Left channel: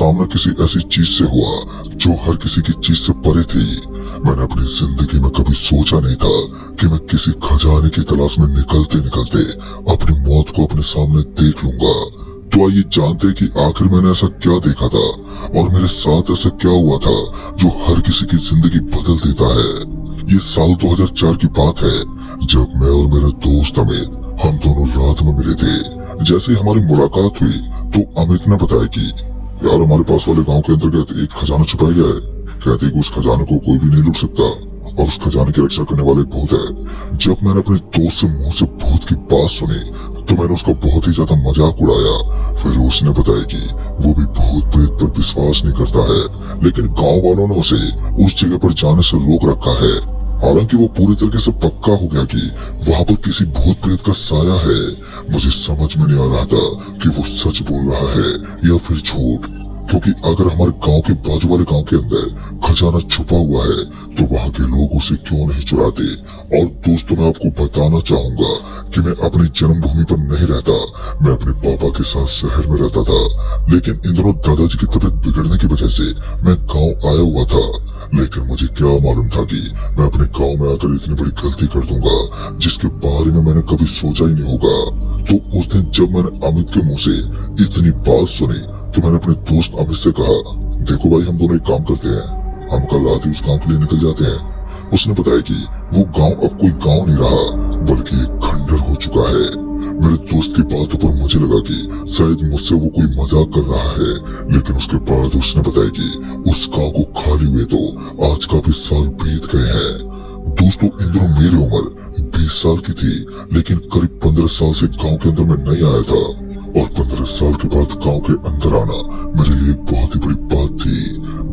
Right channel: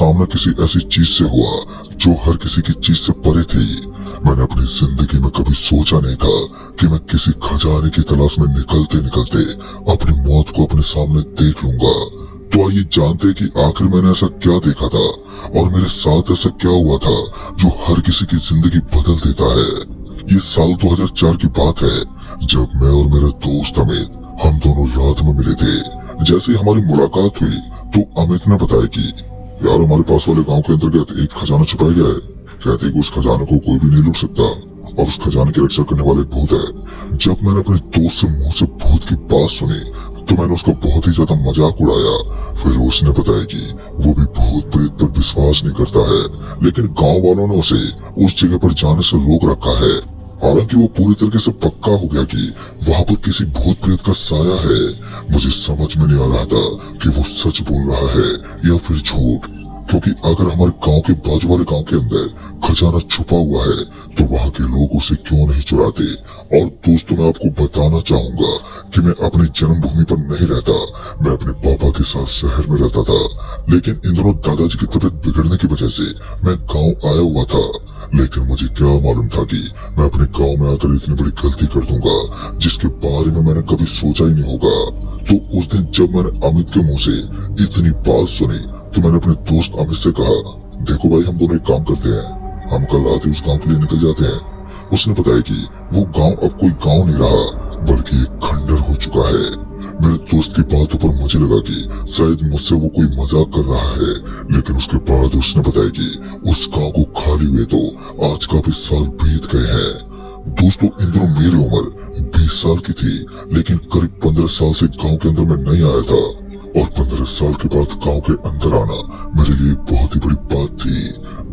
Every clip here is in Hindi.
सामना किसी ऐसी चीज से हुआ जो हर किसी की चीज से परे थी। मैंने अपनी जिंदगी में कभी सोचा नहीं था कि मैं किसी खजाने की तलाश में निकलते निकलते अपनी मौत को अपने सामने देख लूंगा। तो आइए जानते कि आखिर मैंने ऐसा क्या देखा था और मेरे साथ ऐसा क्या हुआ था जो हर किसी की जिंदगी बदल देता है। ये साल 2004 की बात है जब मैं और मेरा दोस्त अमित हम दोनों रात में मिले थे। जैसे हमारी मुलाकात हुई तो अमित ने बताया कि यार हमारे पास वाले गांव के अंतर्गत एक खजाना छुपाया गया है। कहते कि उस खजाने को कोई भी नहीं लूट सकता और उस खजाने की रक्षा करने वाले भूत है। जब मैंने अपने दोस्त से मुंह से भूत की बात सुनी तो मैंने उसका बहुत ही ज्यादा मजाक उड़ाया। फिर उसने बताया कि वो भी भूत प्रेत पर विश्वास नहीं करता है, लेकिन गांव वालों ने उसे उस जगह पर जाने से रोक रखा है। हालांकि वो पूरी तरीके से पक्का हो गया कि वहाँ पर किसी भूत प्रेत का साया है। मुझे समझ में नहीं आ रहा था कि वो सच बोल रहा है या फिर झूठ, क्योंकि अगर हमारे गांव के बाजू वाले गांव के अंदर खजाना छुपा हुआ है तो वहाँ के लोग उसे क्यों नहीं चुराते। और दोस्तों मैं आपको बताना चाहूंगा कि मैं अपनी जन्मभूमि पर नहीं रहता, मैं अपने पापा के साथ शहर में रहता था। लेकिन इन दोनों दादाजी की तबीयत बिगड़ने की वजह से मैं गाँव आया हुआ था। लेकिन मुझे क्या मालूम था कि मैं अपने गांव में आकर इतनी बड़ी गलती कर दूंगा जिसके बारे में मैंने कभी सोचा ही नहीं होगा। तो उस दिन जब मैंने अमित के मुंह से इतनी बात सुनी तो मैंने अपने दोस्त अमित से कहा, देखो भाई हम दोनों एक काम करते हैं, हम कल रात ही उस गांव के लिए निकल जाते हैं। उसने बताया कि वो गांव अब कोई गांव नहीं रहा बल्कि एक खंडर हो चुका है। मेरे दोस्त की बातों पर मुझे लगा कि शायद मुझसे वो कोई मजाक कर रहा है, लेकिन उसके बाद उसने बताया कि उस गांव को खाली हुए तो आज काफी साल बीत गए हैं। दोस्तों इन दोनों मेरी उम्र 20 साल की थी, लेकिन करीब 15 साल से गांव के अंदर मैं नहीं आया था और 15 साल के बाद गांव के अंदर आना मेरे लिए बहुत ही बड़ी बात थी।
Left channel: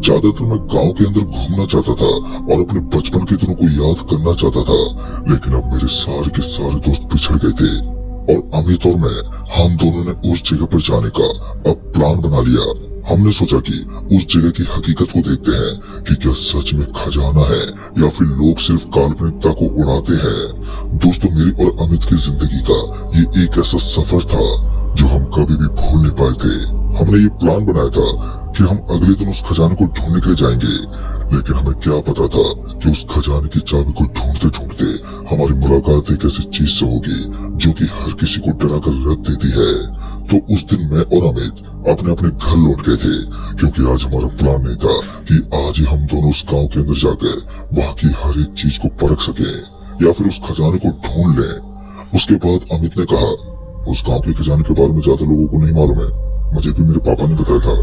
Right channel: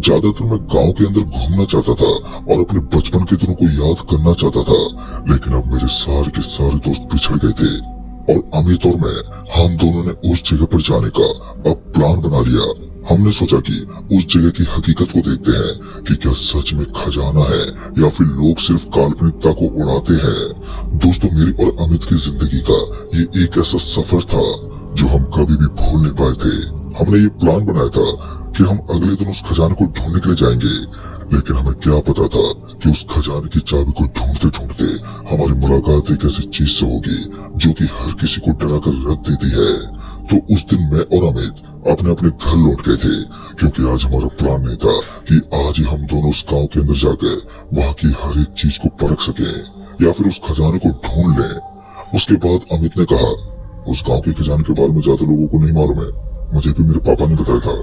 ज्यादातर मैं गांव के अंदर घूमना चाहता था और अपने बचपन के दिनों को याद करना चाहता था, लेकिन अब मेरे सारे के सारे दोस्त पिछड़ गए थे और अमित और मैं हम दोनों ने उस जगह पर जाने का अब प्लान बना लिया। हमने सोचा कि उस जगह की हकीकत को देखते हैं कि क्या सच में खजाना है या फिर लोग सिर्फ काल्पनिकता को उड़ाते हैं। दोस्तों मेरी और अमित की जिंदगी का ये एक ऐसा सफर था जो हम कभी भी भूल नहीं पाए थे। हमने ये प्लान बनाया था कि हम अगले दिन उस खजाने को ढूंढने के लिए जाएंगे, लेकिन हमें क्या पता था कि उस खजाने की चाबी को ढूंढते ढूंढते हमारी मुलाकात एक ऐसी चीज से होगी जो कि हर किसी को डरा कर रख देती है। तो उस दिन मैं और अमित अपने अपने घर लौट गए थे, क्योंकि आज हमारा प्लान नहीं था कि आज ही हम दोनों उस गांव के अंदर जाकर वहाँ की हर एक चीज को परख सके या फिर उस खजाने को ढूंढ लें। उसके बाद अमित ने कहा, उस गांव के खजाने के बारे में ज्यादा लोगों को नहीं मालूम है, मुझे भी मेरे पापा ने बताया था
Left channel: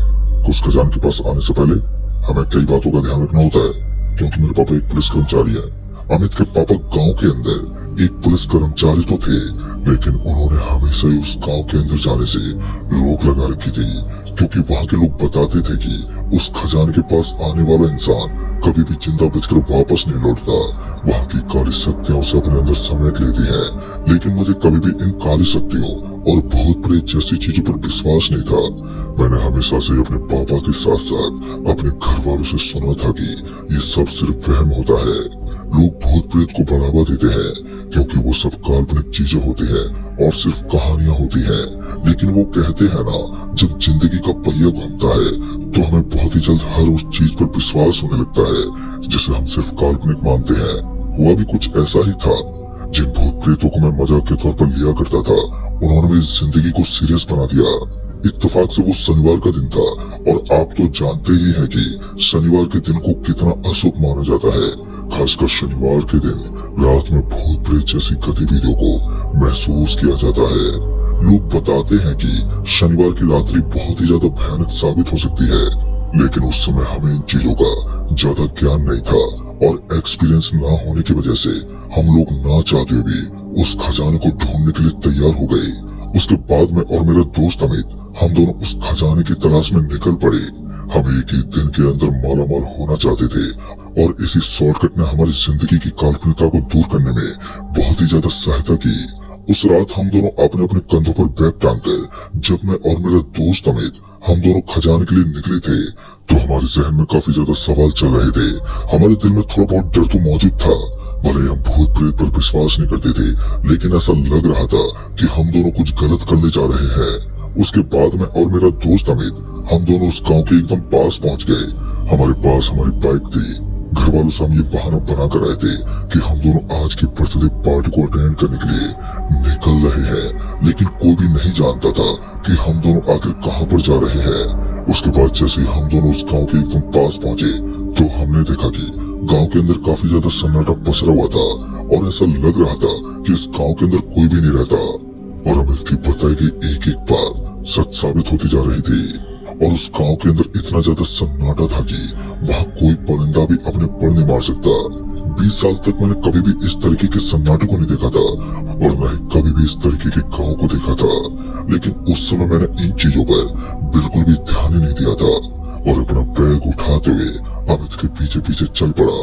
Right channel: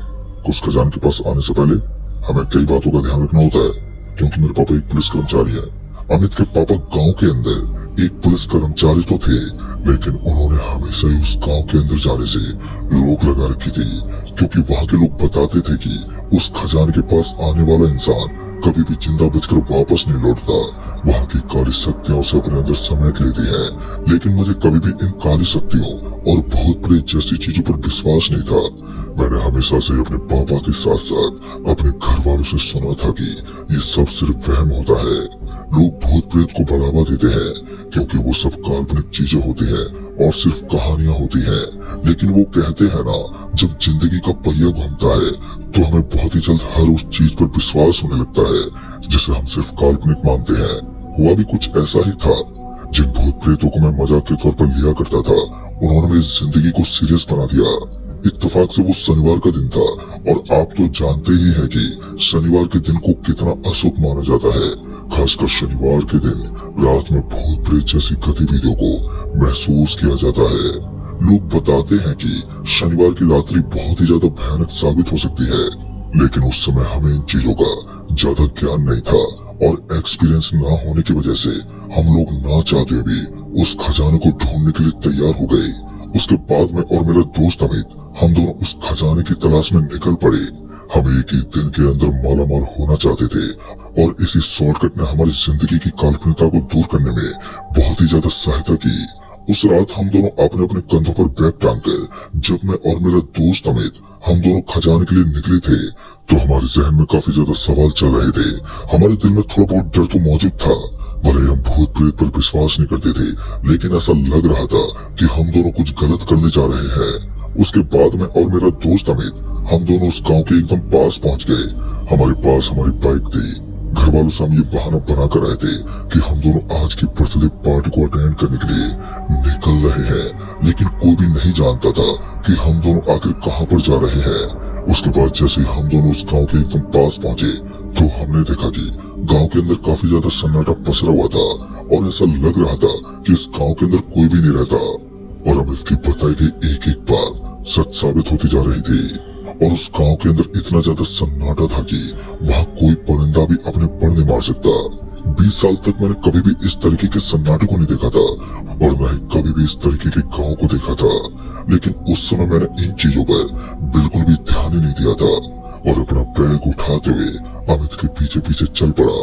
कि उस खजाने के पास आने से पहले हमें कई बातों का ध्यान रखना होता है, क्योंकि मेरे पापा एक पुलिस कर्मचारी है। अमित के पापा गांव के अंदर एक पुलिस कर्मचारी तो थे, लेकिन उन्होंने हमेशा ही उस गांव के अंदर जाने से रोक लगा रखी थी, क्योंकि वहाँ के लोग बताते थे कि उस खजाने के पास आने वाला इंसान कभी भी जिंदा बचकर वापस नहीं लौटता। वहाँ की काली शक्तियाँ उसे अपने अंदर समेट लेती हैं, लेकिन मुझे कभी भी इन काली शक्तियों और भूत प्रेत जैसी चीजों पर विश्वास नहीं था। मैंने हमेशा से अपने पापा के साथ साथ अपने घर वालों से सुना था कि ये सब सिर्फ वहम होता है। लोग भूत प्रेत को बढ़ावा देते हैं क्योंकि वो सब काल्पनिक चीजें होती हैं और सिर्फ कहानियां होती हैं, लेकिन वो कहते हैं ना, जब जिंदगी का पहिया घूमता है तो हमें बहुत ही जल्द हर उस चीज पर विश्वास होने लगता है जिसे हम सिर्फ काल्पनिक मानते हैं। हुआ भी कुछ ऐसा ही था। जिन भूत प्रेतों को मैं मजाक के तौर पर लिया करता था उन्होंने मेरी जिंदगी को सीरियस बना दिया। इत्तेफाक से वो शनिवार का दिन था और आप तो जानते ही हैं कि शनिवार के दिन को कितना अशुभ माना जाता है। खासकर शनिवार के दिन रात में भूत प्रेत जैसी गतिविधियों को महसूस किया जाता है। लोग बताते हैं कि शनिवार की रात्रि बहुत ही ज्यादा भयानक साबित हो सकती है, लेकिन उस समय हमें इन चीजों का ज्यादा ज्ञान नहीं था और एक्सपीरियंस न होने की वजह से हम लोग ना चाहते भी उस खजाने को ढूंढने के लिए तैयार हो गए। उसके बाद मैं और मेरा दोस्त अमित हम दोनों उस खजाने की तलाश में निकल पड़े। हम एक ही दिन के अंदर माला माल होना चाहते थे और इसी शॉर्टकट ने हमारी जिंदगी की काल्पनिकता को दूर करने में बहुत ही ज्यादा सहायता की। उस रात हम दोनों अपने अपने कंधों पर बैग टांगकर जब मैं और मेरा दोस्त अमित हम दोनों खजाने के लिए निकले थे तो हमारे जहन में काफी ज्यादा सवाल चल रहे थे। हमारे दिल में थोड़ा बहुत डर तो मौजूद था। भले हम भूत प्रेत पर विश्वास नहीं करते थे, लेकिन ऐसा लग रहा था कि हम दोनों कुछ गलत करने जा रहे हैं। उसके बाद मैं और मेरा दोस्त अमित हम दोनों उस गांव के एकदम पास पहुंच गए। हमारे पास हमारी बाइक थी। घर वालों से हम ये बहाना बना कर आए थे कि हम दोनों आज की बर्थडे पार्टी को अटेंड करने के लिए निकल रहे हैं, लेकिन कोई भी नहीं जानता था कि हम दोनों आखिर कहां पर जा रहे हैं। उसके बाद जैसे ही हम दोनों उस गांव के एकदम पास पहुंचे तो हमने देखा कि गांव के अंदर काफी ज्यादा सन्नाटा पसरा हुआ था और ऐसा लग रहा था कि इस गांव के अंदर कोई भी नहीं रहता। और अमित की बताई गई एक एक बात सच साबित होती जा रही थी। और उस गांव के अंदर इतना ज्यादा सन्नाटा था कि वहाँ कोई परिंदा भी अपने पर नहीं मार सकता। 20 साल तक मैंने कभी भी इस तरीके के सन्नाटे को नहीं देखा था और न ही कभी भी इस तरीके के गांव को देखा था। लेकिन उस समय मैंने इन चीजों पर बिल्कुल भी ध्यान ही नहीं दिया था और अपना बैग उठाते हुए अमित के पीछे पीछे चल पड़ा।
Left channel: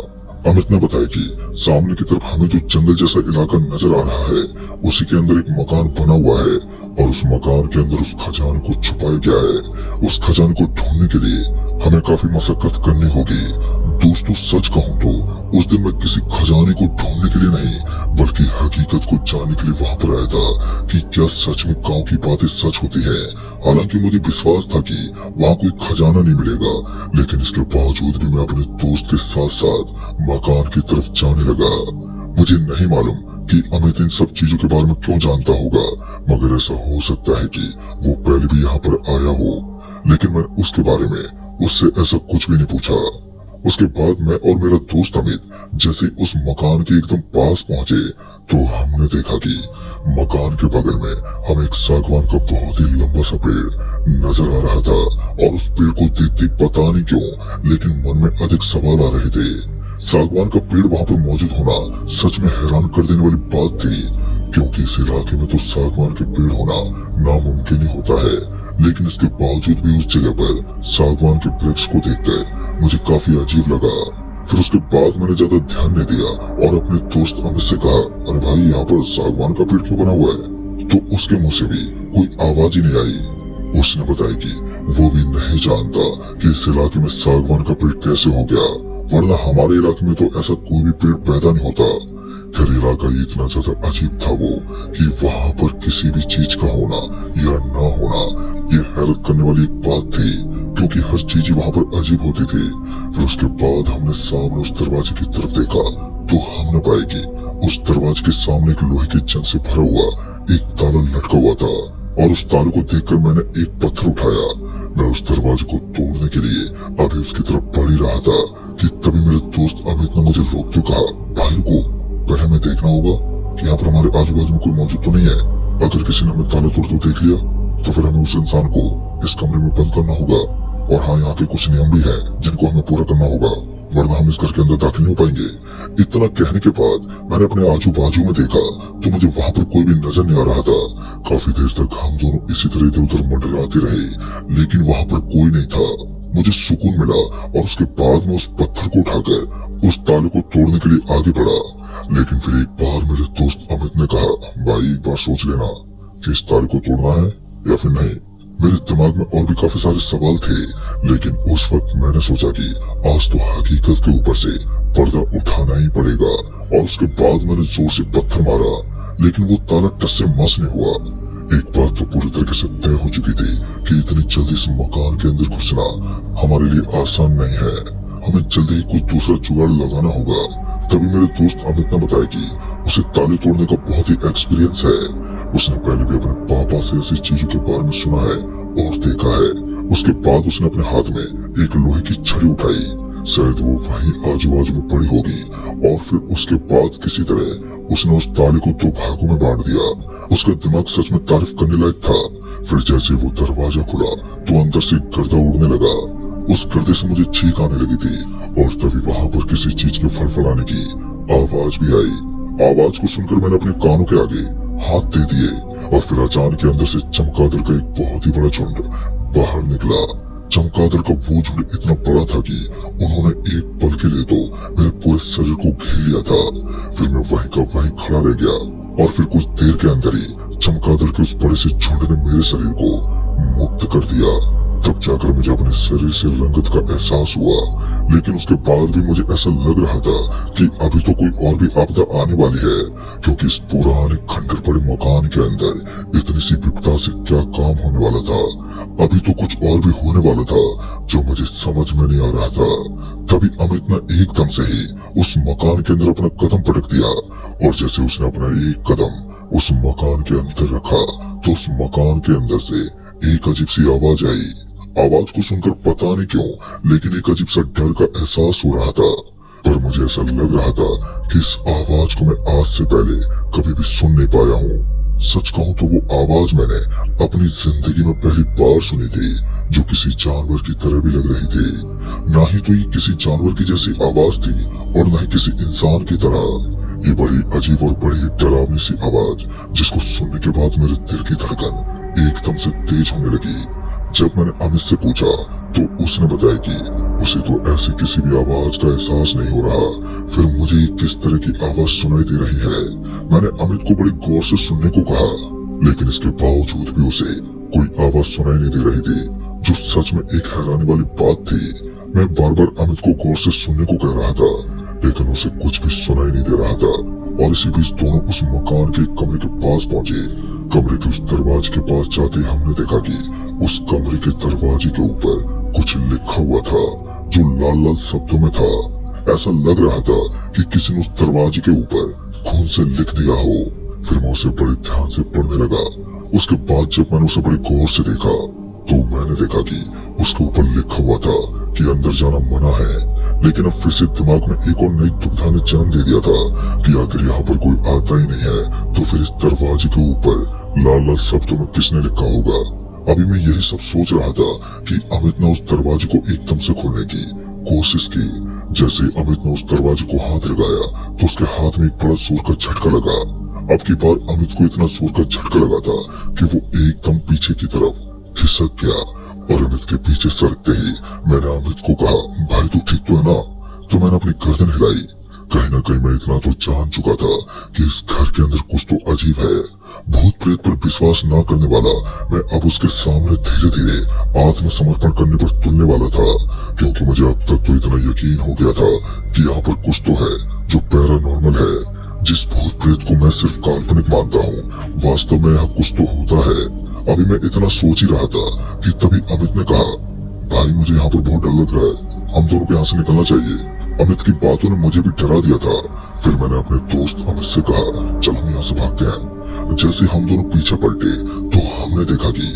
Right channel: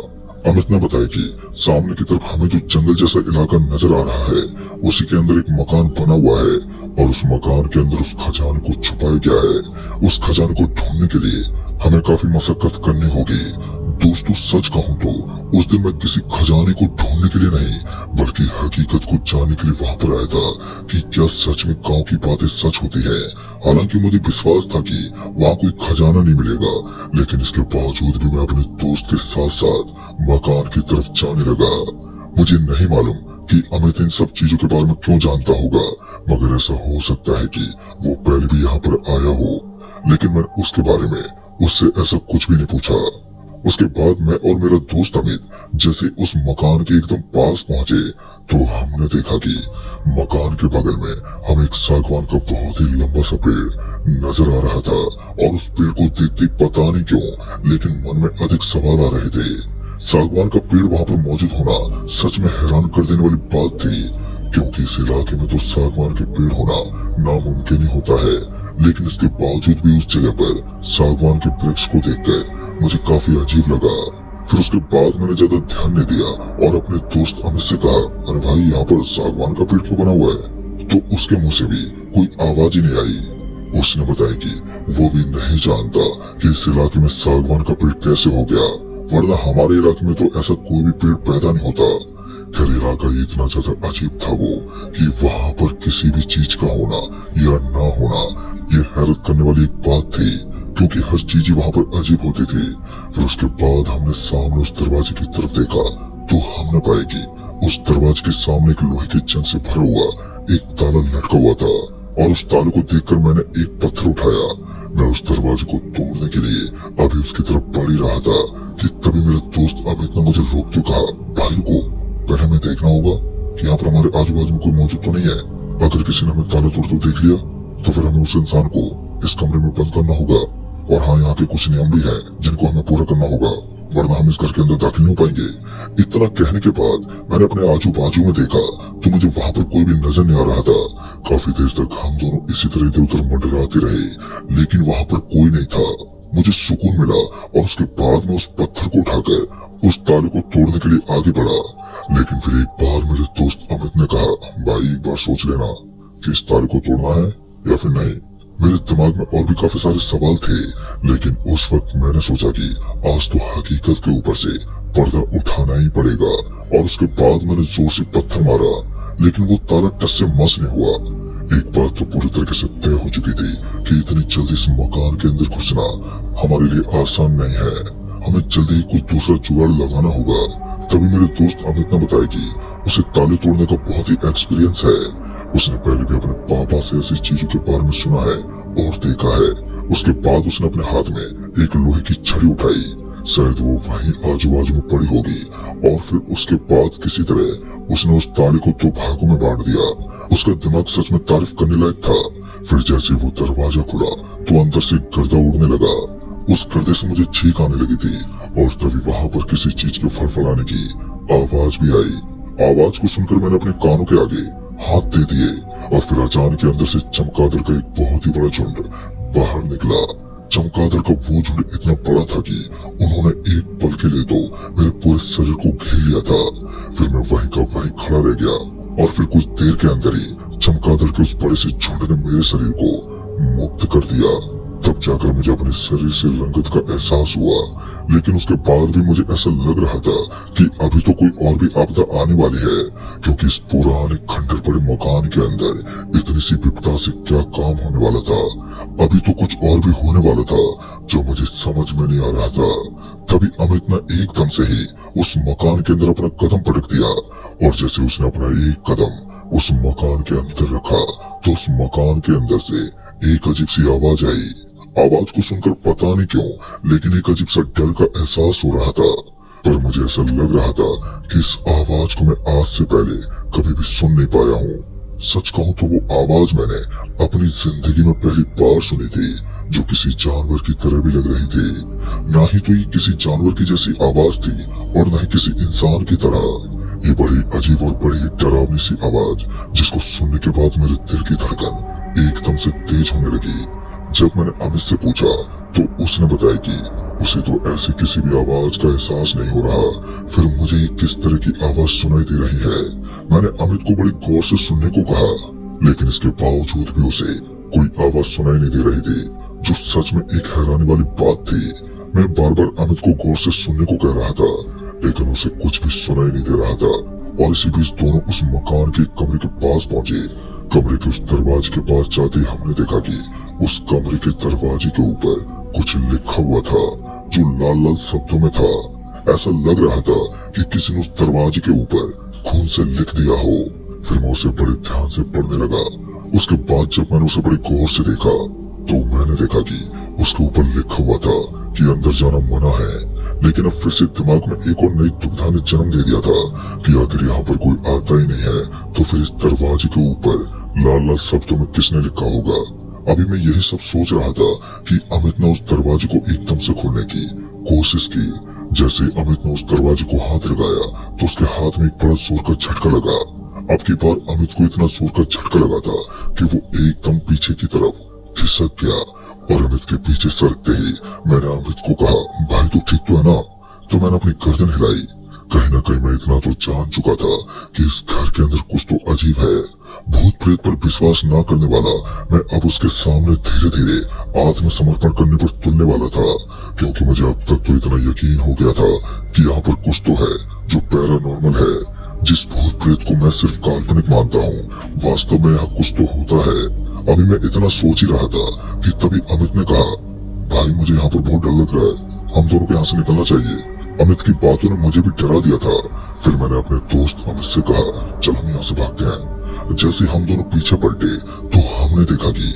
अमित ने बताया कि सामने की तरफ हमें जो जंगल जैसा इलाका नजर आ रहा है उसी के अंदर एक मकान बना हुआ है और उस मकान के अंदर उस खजाने को छुपाया गया है। उस खजाने को ढूंढने के लिए हमें काफी मशक्कत करनी होगी। दोस्तों सच कहूँ तो उस दिन मैं किसी खजाने को ढूंढने के लिए नहीं बल्कि हकीकत को जानने के लिए वहाँ पर आया था कि क्या सच में गाँव की बातें सच होती है। हालांकि मुझे विश्वास था कि वहाँ कोई खजाना नहीं मिलेगा, लेकिन इसके बावजूद भी मैं अपने दोस्त के साथ साथ मकान की तरफ जाने लगा। मुझे नहीं मालूम कि अमित इन सब चीजों के बारे में क्यों जानता होगा, मगर ऐसा हो सकता है कि वो पहले भी यहाँ पर आया हो, लेकिन मैंने उसके बारे में उससे ऐसा कुछ भी नहीं पूछा। उसके बाद मैं और मेरा दोस्त अमित जैसे उस मकान के एकदम पास पहुंचे तो हमने देखा कि मकान के बगल में हमें एक सागवान का बहुत ही लंबा सा पेड़ नजर आ रहा था और उस पेड़ को देखते पता नहीं क्यों लेकिन मन में अधिक सवाल आ रहे थे। सागवान का पेड़ वहाँ पर मौजूद होना सच में हैरान कर देने वाली बात थी, क्योंकि इस इलाके में तो सागवान के पेड़ होना नामुमकिन ही होता है। लेकिन इसके बावजूद भी उस जगह पर सागवान के वृक्ष को देखकर मुझे काफी अजीब लगा। फिर उसके बाद मैंने ज्यादा ध्यान नहीं दिया और अपने दोस्त अमित से कहा, अरे भाई यहाँ पर सागवान का पेड़ क्यों बना हुआ है? तो उसके मुंह से भी कोई आवाज ही नहीं आई। उसने बताया कि वो भी नहीं जानता कि इस इलाके में सागवान का पेड़ कैसे हो गया, वरना हमारे इलाके में तो ऐसा कोई भी पेड़ पैदा नहीं होता। खैर इलाका इतना ज्यादा अजीब था वो कि वहाँ पर किसी भी चीज का होना या ना होना ये हैरत करने वाली एक बात थी, क्योंकि हर चीज वहाँ पर अजीब होती थी। फिर उसके बाद हमने सामने उस दरवाजे की तरफ देखा तो हमने पाया कि उस दरवाजे के सामने एक लोहे के जंग से भरा हुआ एक ताला लटका हुआ था और उस ताले को देखकर मैंने एक पत्थर उठाया। मैं उस दरवाजे को तोड़ने के लिए अभी उसकी तरफ बढ़ ही रहा था कि तभी मेरे दोस्त अमित ने मुझे रोक के कहा, भाई को पहले हमें देखना होगा कि यहाँ पर हमारे आजू बाजू में कोई मौजूद तो नहीं है। अगर किसी ने हमें ताला तोड़ तो देख लिया तो फिर हमें उस इंसान को इस कमरे में बंद करना होगा। और हाँ, यहाँ के कुछ नियम भी हैं जिनको हमें पूरा करना होगा, वरना हम इस घर के अंदर दाखिल नहीं हो पाएंगे। इतना कहने के बाद मैंने अपने आजू बाजू में देखा तो मुझे वहाँ पर कोई भी नजर नहीं आ रहा था। काफी देर तक हम दोनों इसी तरह इधर उधर मंडराते रहे, लेकिन वहाँ पर कोई नहीं था। मुझे सुकून मिला और उसके बाद में उस पत्थर को उठाकर उस ताले को तोड़ने के लिए आगे बढ़ा। लेकिन फिर एक बार मेरे दोस्त अमित ने कहा, भाई एक बार सोच लेना कि इस ताले को तोड़ना है या फिर नहीं। मेरे दिमाग में और भी काफी सारे सवाल थे, लेकिन उस वक्त मैंने सोचा कि आज तो हकीकत के ऊपर से पर्दा उठाना ही पड़ेगा। और उसके बाद मैंने जोर से पत्थर मारा, लेकिन वो ताला टस से मस नहीं हुआ। एक बात तो पूरी तरीके से तय हो चुकी थी कि इतनी जल्दी इस मकान के अंदर घुसना हमारे लिए आसान नहीं है। हमें जल्दी ही कुछ दूसरा जुगाड़ लगाना होगा। तभी मेरे दोस्त अमित ने बताया कि उसे ताले तोड़ने का बहुत ही एक्सपीरियंस है। उसने पहले भी अपने पापा से ऐसी चीजों के बारे में सुना है और देखा है। उसके बाद उसने अपने हाथ में एक लोहे की छड़ी उठाई, शायद वो वहीं आजू बाजू में पड़ी होगी, और फिर उसके बाद किसी तरह उसने उस ताले को 2 भागों में बांट दिया। उसका दिमाग सच में तारीफ करने लायक था। फिर जैसे वो दरवाजा खुला तो अंदर से गर्दा उड़ने लगा। उस गर्दे से मुझे छींक आने लगी थी और तभी वहाँ पर किसी चीज के फड़फड़ाने की आवाज भी आई। आवाज को सुनकर मैंने अपने कानों के आगे हाथ दे दिए और फिर अचानक अंदर से चमगादड़ का एक बहुत ही बड़ा झुंड बाहर निकला। चमगादड़ का वो झुंड इतना बड़ा था कि उन्होंने एक पल के लिए तो मेरे पूरे शरीर को घेर लिया था। फिर मैं वहीं का वहीं खड़ा रह गया और फिर कुछ देर के अंदर ही चमगादड़ के उस बड़े से झुंड ने मेरे शरीर को मुक्त कर दिया। तब जाकर मुझे अपने शरीर से रंगत का एहसास हुआ, लेकिन उसके बाद भी मुझे ऐसा लग रहा था कि अभी तो कोई और भी आपदा आने वाली है, क्योंकि इस पुराने खंडर पड़े मकान के अंदर इतनी सी विपदा से क्या काम होने वाला था। अभी तो कुछ और भी होने वाला था जो मुझे समझ में नहीं आ रहा था। तभी अमित ने एकदम से ही उस मकान के अंदर अपना कदम पटक दिया, और जैसे उसने अपना एक कदम उस मकान के अंदर रखा तो उस मकान के अंदर से एक अजीब सी आवाज आई। आवाज को सुनकर पता नहीं क्यों, लेकिन एक अजीब सा डर का एहसास हो रहा था। पर मुझे ऐसा लग रहा था कि इस आवाज को मैं आज से पहले कभी भी सुन नहीं पाया हूँ। सच कहूँ तो वो आवाज मैंने अपनी जिंदगी में पहली बार सुनी थी, जो किसी जानवर की तरह भी लग रही थी। ना ही तो ये किसी जानवर की जैसी आवाज थी और न ही किसी इंसान की तरह। ये बड़ी अजीब और बड़ी डरावनी सी आवाज, जिसको सुनने के बाद मेरे दिल की धड़कन एकदम से तेज होने लगी। जब मैंने अमित से पूछा तो उसने बताया कि उसे तो ऐसे किसी भी आवाज का एहसास नहीं हो रहा। फिर मुझे किस तरह की आवाज सुनाई दे रही है। मैंने अमित को बड़ी गौर से सुनने को कहा, लेकिन इसके बावजूद भी उसे कोई आवाज सुनाई नहीं दे रही थी, जो सच में एक हैरानी वाली बात थी। मैं बार बार अमित को गौर से सुनने को कह रहा था, लेकिन उसे कुछ भी सुनाई नहीं दे रहा था। और इसी बीच दोनों उस मकान के कमरे के पास पहुंचे। कमरे के उस दरवाजे के पास जाते हमने देखा कि उस कमरे के दरवाजे के ऊपर कुछ लिखा हुआ था, जो लाल लाल शब्दों में था। ऐसा लग रहा था कि किसी ने उस दरवाजे के ऊपर खून से लिख दिया हो। फिर मैं उसे बड़े ध्यान से पढ़ने लगा। उसके बाद जब मैंने उसे बड़े गौर से देखा तो मैंने देखा कि उसके ऊपर लिखा हुआ था कि अंदर जाना मना है। लेकिन अब फिर से दिमाग में एक और नई दुविधा ने जन्म दे दिया था कि अगर यहाँ पर कोई आता ही नहीं है तो फिर इस दरवाजे के ऊपर लाल लाल शब्दों में किसने लिखा होगा। अभी मैं यही सब सोच रहा था कि अमित ने उस दरवाजे को एकदम से खोलने की कोशिश की। जैसे अमित ने उस दरवाजे को हाथ लगाया तो उसके हाथ में एक बड़ा जोर का झटका लगा। अब की बार अमित को इतना जोर का झटका लगा था कि वो एकदम पीछे की तरफ खिसक गया। और अमित के पीछे सरकते ही मैंने अमित को कहा, भाई तू ठीक तो है ना? तो मैंने अपनी गर्दन हिलाई। कहीं ना कहीं मैं इतना तो जान चुका था कि इस घर के अंदर कुछ तो अजीब है। भूत प्रेत पर विश्वास न करने वाला मैं अब उसके सामने धीरे धीरे आत्मसमर्पण करने पर तुलने वाला था, क्योंकि मुझे अब तक तो इतना यकीन हो गया था कि यहाँ पर कुछ तो है जो पैरानॉर्मल है। जिस भूत प्रेत को मैं सिर्फ काल्पनिक मानता हूँ, वास्तव में यहाँ कुछ तो होता है। अभी मैं इतना सोच ही रहा था कि तभी अमित ने कहा, भाई मुझे यहाँ पर बहुत डर लग रहा है, हम दोनों को यहाँ से निकलना चाहिए। अमित की बातों ने मुझे भी डरा दिया था। फिर मैंने अपने दोस्त अमित से कहा, चल हम यहाँ से भागते हैं। जैसे हम दोनों पीछे पलटे तो हमने देखा कि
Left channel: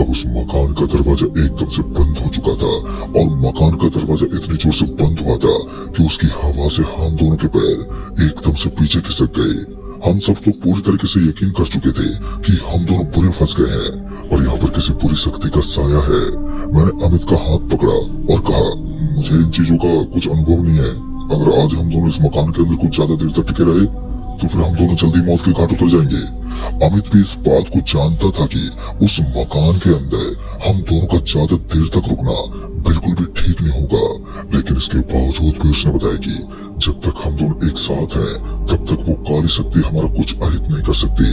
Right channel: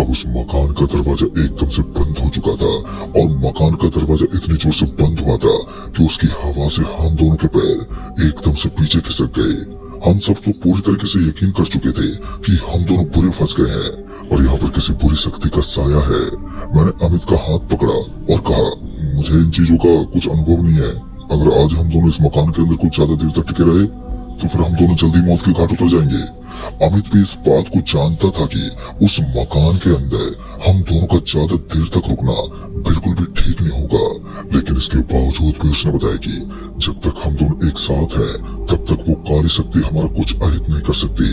अब उस मकान का दरवाजा एकदम से बंद हो चुका था, और मकान का दरवाजा इतनी जोर से बंद हुआ था कि उसकी हवा से हम दोनों के पैर एकदम से पीछे खिसक गए। हम सब तो पूरी तरीके से यकीन कर चुके थे कि हम दोनों बुरे फंस गए हैं और यहाँ पर किसी बुरी शक्ति का साया है। मैंने अमित का हाथ पकड़ा और कहा, मुझे इन चीजों का कुछ अनुभव नहीं है। अगर आज हम दोनों इस मकान के अंदर कुछ ज्यादा देर तक टिके रहे तो फिर हम दोनों जल्दी मौत के घाट उतर जाएंगे। अमित भी इस बात को जानता था कि उस मकान के अंदर हम दोनों का ज्यादा देर तक रुकना बिल्कुल भी ठीक नहीं होगा, लेकिन इसके बावजूद भी उसने बताया कि जब तक हम दोनों एक साथ हैं तब तक वो काली शक्ति हमारा कुछ अहित नहीं कर सकती।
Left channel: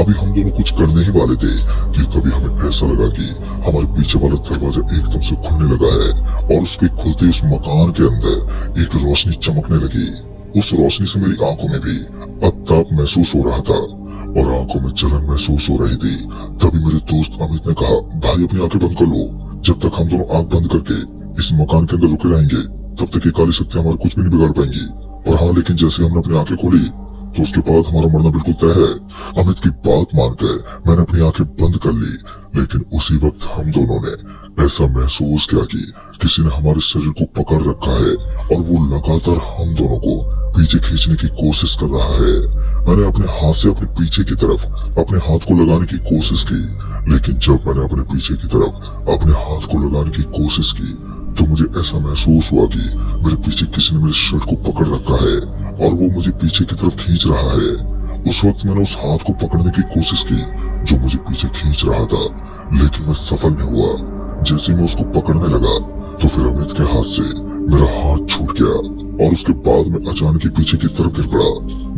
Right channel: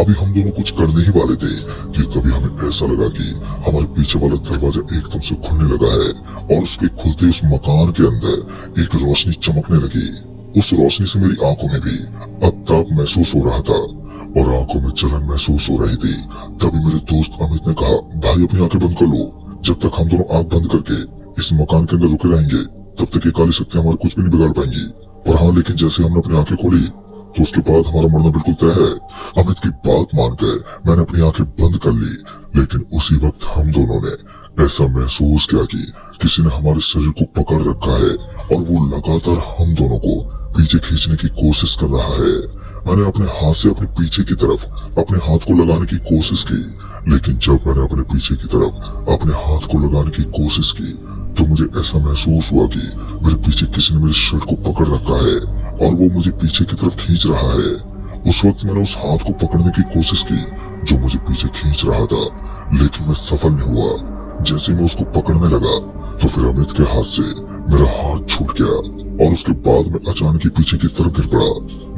अभी हम दोनों कुछ करने ही वाले थे कि तभी हमें ऐसा लगा कि हमारे पीछे वाला दरवाजा एकदम से खुलने लगा है, और उसके खुलते उस मकान के अंदर एक रोशनी चमकने लगी। उस रोशनी से मेरी आंखों में भी अब ताप महसूस हो रहा था और आंखों में जलन महसूस हो रही थी। तभी मेरे दोस्त अमित ने कहा, भाई अपनी आंखें बंद कर लो। जब तक हम दोनों आंख बंद करके इस मकान के अंदर रुके रहेंगे तब तक ये काली शक्ति हमारा कुछ भी नहीं बिगाड़ पाएंगी। पर हाँ, लेकिन जैसे हमने अपनी आंखें खोली तो उसके बाद हमारा मरना बिल्कुल तय है। अमित की बात मानकर मैंने अपनी आंखें बंद कर ली, लेकिन उसी वक्त हम दोनों ने ऐसा महसूस किया कि किसी ने हमारे शरीर को पकड़ रखा है और वो लगातार हम दोनों को पीछे खींचने की कोशिश कर रहा है। मैंने अपने हाथ से अपने पीछे की तरफ अपने हाथ को लगाने की कोशिश की, लेकिन जब मैंने अपने पीछे की तरफ अपने हाथ को लगाने की कोशिश की तो मुझे ऐसा महसूस हुआ कि मेरे पीछे किसी ने मेरे शर्ट को पकड़ रखा है और वो मुझे पीछे की तरफ खींच रहा है। उस वक्त मैंने उस हाथ को पकड़ने की कोशिश की जो मुझे पीछे खींच रहा था, लेकिन मैं सफल नहीं हुआ। जैसे मैं उसको पकड़ने लगा तो फिर अमित के हाथ से मेरा हाथ छूट गया और उसके बाद मैं अचानक ही पीछे की तरफ गिर पड़ा।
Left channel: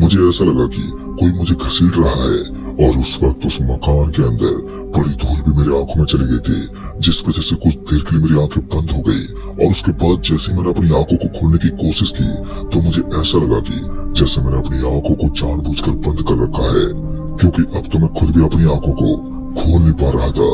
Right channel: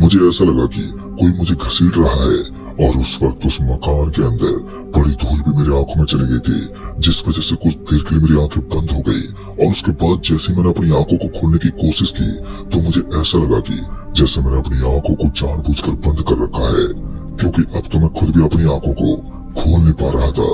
मुझे ऐसा लगा कि कोई मुझे घसीट रहा है और उस वक्त उस मकान के अंदर बड़ी धूल भी मेरी आंखों में चली गई थी, जिस वजह से कुछ देर के लिए मेरी आंखें बंद हो गई। और उसके बाद जैसे मैंने अपनी आंखों को खोलने की कोशिश की तो मुझे ऐसा लगा कि जैसे मैंने अपनी आंखों को जानबूझकर बंद कर रखा है, क्योंकि अब तो मैं खुद भी अपनी आंखों को खोल नहीं पा रहा था।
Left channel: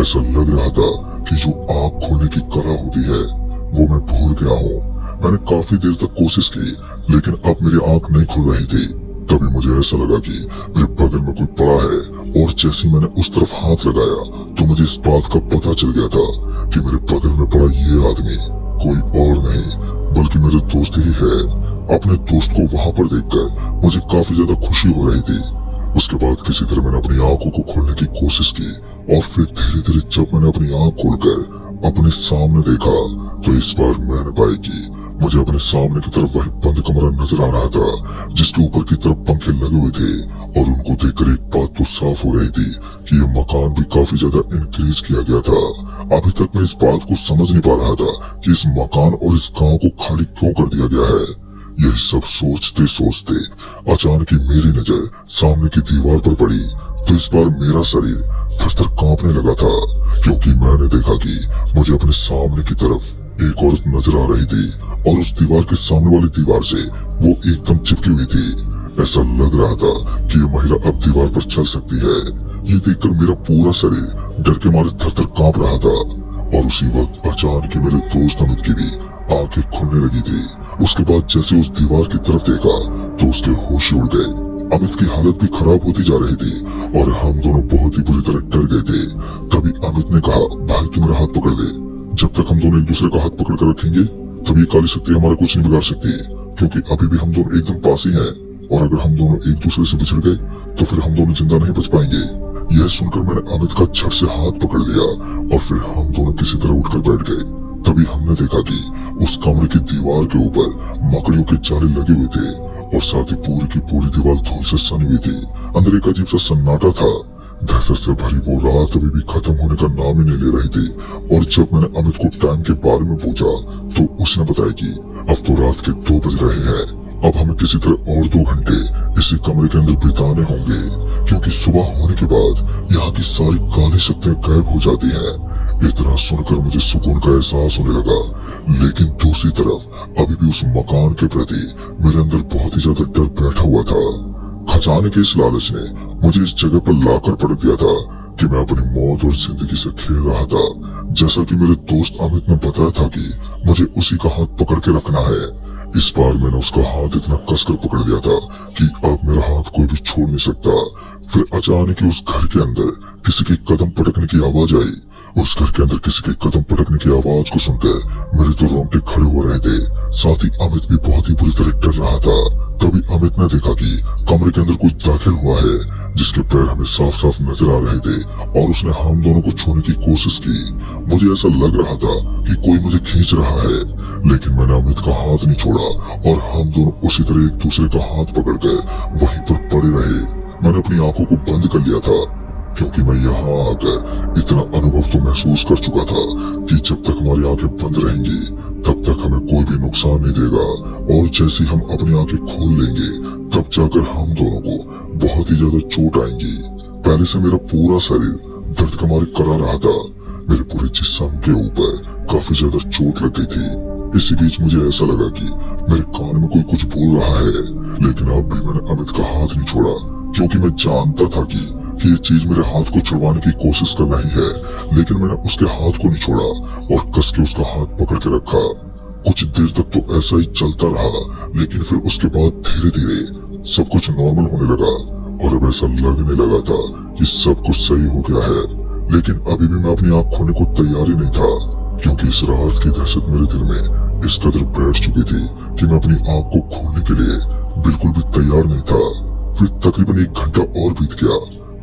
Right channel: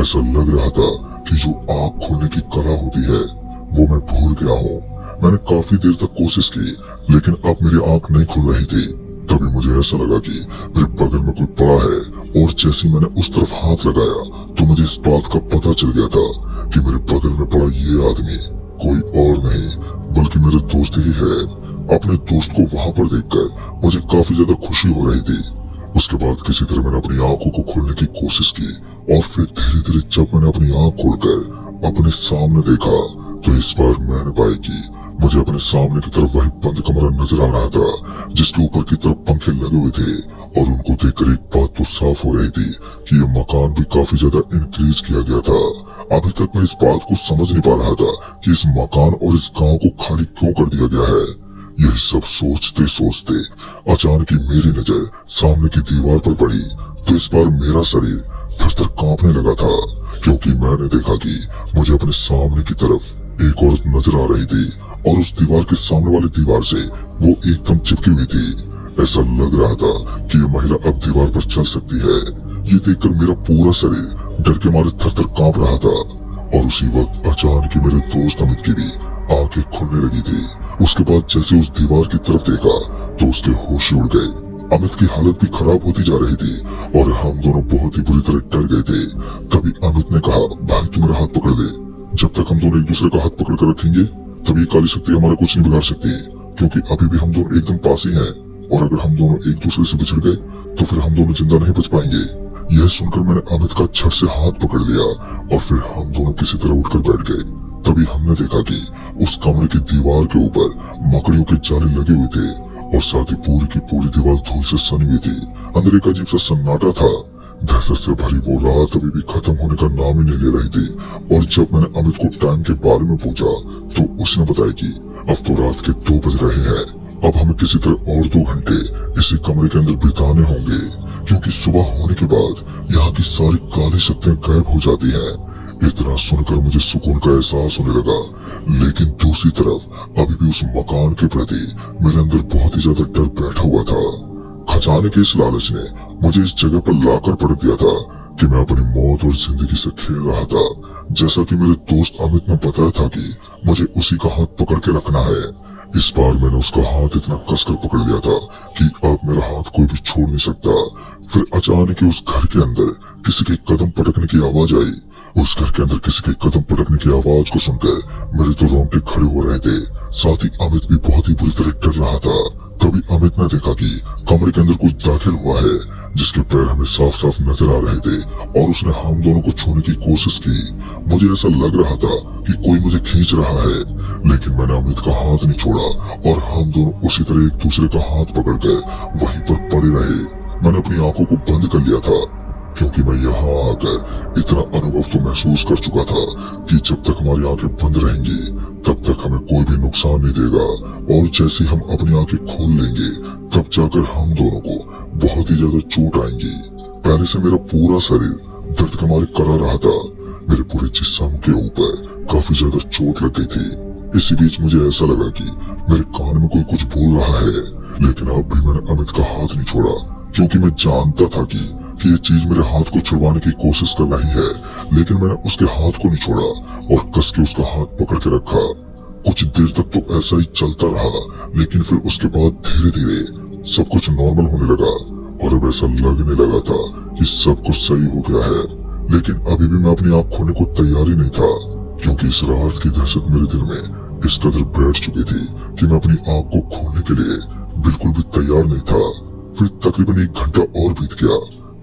ऐसा लग रहा था कि जो आंख खोलने की कला होती है वो मैं भूल गया हूँ। मैंने काफी देर तक कोशिश की, लेकिन अब मेरी आंख नहीं खुल रही थी। तभी मुझे ऐसा लगा कि मेरे बगल में कोई पड़ा है, और जैसे मैंने उस तरफ हाथ लगाया तो मुझे इस बात का पता चल गया था कि मेरे बगल में पड़ा ये आदमी कोई और नहीं बल्कि मेरा दोस्त ही है। अपने दोस्त को वहां पर देखकर मुझे काफी ज्यादा खुशी हो रही थी। उसके बाद किसी तरह मैंने अपनी आंखों को खोलने की कोशिश की, और फिर धीरे धीरे जब मैंने अपनी आंख खोलकर अपने सामने देखा तो इस बार मैंने पाया कि मुझे अपने सामने की तरफ वही बंद कमरा नजर आ रहा था, जिसके ऊपर की तरफ पंखे लगे हुए थे। और उनको देखकर एक बात तो साफ हो रही थी कि ये मकान भी काफी ज्यादा इंक्रीज किया गया था। अभी तक मैं इस बात को समझ नहीं पा रहा था कि इस मकान और इस गांव को खाली क्यों कर दिया गया है। यह सब सोचते सोचते अचानक ही मेरी नजर सामने की दीवार पर पड़ी, तो इस बार मेरा शरीर थर थर कांपने लगा था, क्योंकि मैंने देखा कि मुझे अपने सामने की तरफ एक औरत नजर आ रही थी, और उस दीवार के सामने वाली दीवार से वो एकदम चिपकी हुई थी। ऐसा लग रहा था कि ये महिला अब दीवार पर चल सकती है। ये देखकर मेरा पूरा शरीर डर के मारे थर थर कांप रहा था। और उसी वक्त अचानक ही मेरे दोस्त अमित की भी आंखें खुलने लगी थी। उसके बाद जैसे उस दीवार की तरफ देखा तो उसके होश उड़ गए। अमित की हालत भी खराब होती जा रही थी, और हम दोनों बहुत ही बुरी तरह डर गए थे। तभी अमित ने कहा, भाई तू मेरा हाथ पकड़ ले। जब तक हम दोनों एक दूसरे का हाथ पकड़ कर रखेंगे तब ये काली शक्ति हमारा कुछ नहीं बिगाड़ सकती, क्योंकि अभी भी हम दोनों एकदम पास ही हैं। और अगर हम दोनों एक दूसरे से बिछड़ गए तो फिर हम दोनों जिंदा नहीं बच पाएंगे। यह सुनकर मैंने अमित का झट से हाथ पकड़ लिया, और फिर हम दोनों किसी तरह उठकर बैठ गए। तभी हमने देखा कि उस कमरे की दीवार के ऊपर मकड़ियों के जाले लगे हुए थे, और साथ ही पूरी की पूरी दीवार धूल से सनी हुई थी। अंदर एक अजीब सा सन्नाटा था। दहशत से भरी वो रात अभी भी खत्म होने का नाम ही नहीं ले रही थी। और जब मैंने अमित को टाइम के बारे में पूछा तो उसने बताया कि अब तो रात के 2 बज रहे हैं। अब हमें किसी तरह और 2 घंटे इसी कमरे के अंदर बिताने होंगे, क्योंकि सुबह होने के बाद यहाँ की सारी काली शक्तियाँ गायब हो जाती हैं। इतना सुनकर मुझे सुकून का एहसास होने लगा, लेकिन दूसरी तरफ अभी भी उस मकान के प्रति मेरे अंदर बहुत ही ज्यादा डर बैठा हुआ था। खजाने के इस लालच ने मुझे इस जगह पर लाकर पटक दिया था कि मैं अपनी मौत और जिंदगी से खेल रहा था। जैसा कि मेरे दोस्त अमित ने बताया था कि मुझे उसी का हाथ पकड़ के रखना है। इस बार मैंने उसका हाथ इतना कसकर पकड़ लिया था कि अब मेरा हाथ कोई भी छोड़ नहीं सकता। फिर अचानक ही उस घर के अंदर किसी के कदम पटकने की आवाज आई। उस घर के अंदर किसी के कदम पटकने की आवाज को सुनकर मेरे तो रोंगटे खड़े हो रहे थे। साथ ही अमित भी बहुत ही बुरी तरह डर रहा था। तभी अमित ने देखा कि कमरे के अंदर कुछ दाखिल हुआ है, जिसके पैर हमें साफ साफ नजर आ रहे थे, और उसने हम दोनों को छूने की कोशिश की। मुझे ऐसा लग रहा था कि कोई मुझे खींच रहा है, लेकिन मैंने अमित का हाथ नहीं छोड़ा, और हम दोनों उसी तरह एक दूसरे का हाथ पकड़कर वहीं पर पड़े रहे। मैंने अपनी आंखों को बंद कर लिया था, क्योंकि मैं यहाँ आकर इतना अनुभव तो महसूस कर चुका था कि जब तक हमारी आंखें बंद रहेंगी तब तक हमें कोई भी नुकसान नहीं देगा, और जैसे हम अपनी आंखें खोल लेंगे तब जाकर हम दोनों को बहुत ही ज्यादा चोट आएंगी। पहले से मेरा पूरा शरीर दर्द के मारे करा रहा था। मेरे पूरे जिस्म के ऊपर काफी ज्यादा चोट लग गई थी। इसी बीच मुझे ऐसा लगा कि मेरे कान में कोई कुछ बोल रहा है, लेकिन अब भी मैंने अमित का हाथ नहीं छोड़ा, क्योंकि मैं जानता था कि ये चीज मेरे हाथ को छुड़वाने की कोशिश कर रही है। लेकिन मैंने उसके हाथ को नहीं छोड़ा और कस के उसका हाथ पकड़ के रखा। कुछ देर तक तो ऐसा ही चलता रहा, लेकिन फिर उसके बाद धीरे धीरे सब कुछ नॉर्मल होने लगा, और अब ऐसा लगने लगा था कि सब कुछ सही हो गया है। लेकिन अभी भी मैं अपनी आंख खोलने को तैयार ही नहीं था, क्योंकि इस रात की दहशत मेरे दिल में इस कदर बैठ चुकी थी कि मैं अपनी आंख को खोलने के लिए बिल्कुल भी तैयार नहीं था। फिर तकरीबन 1 घंटा और बीत गया,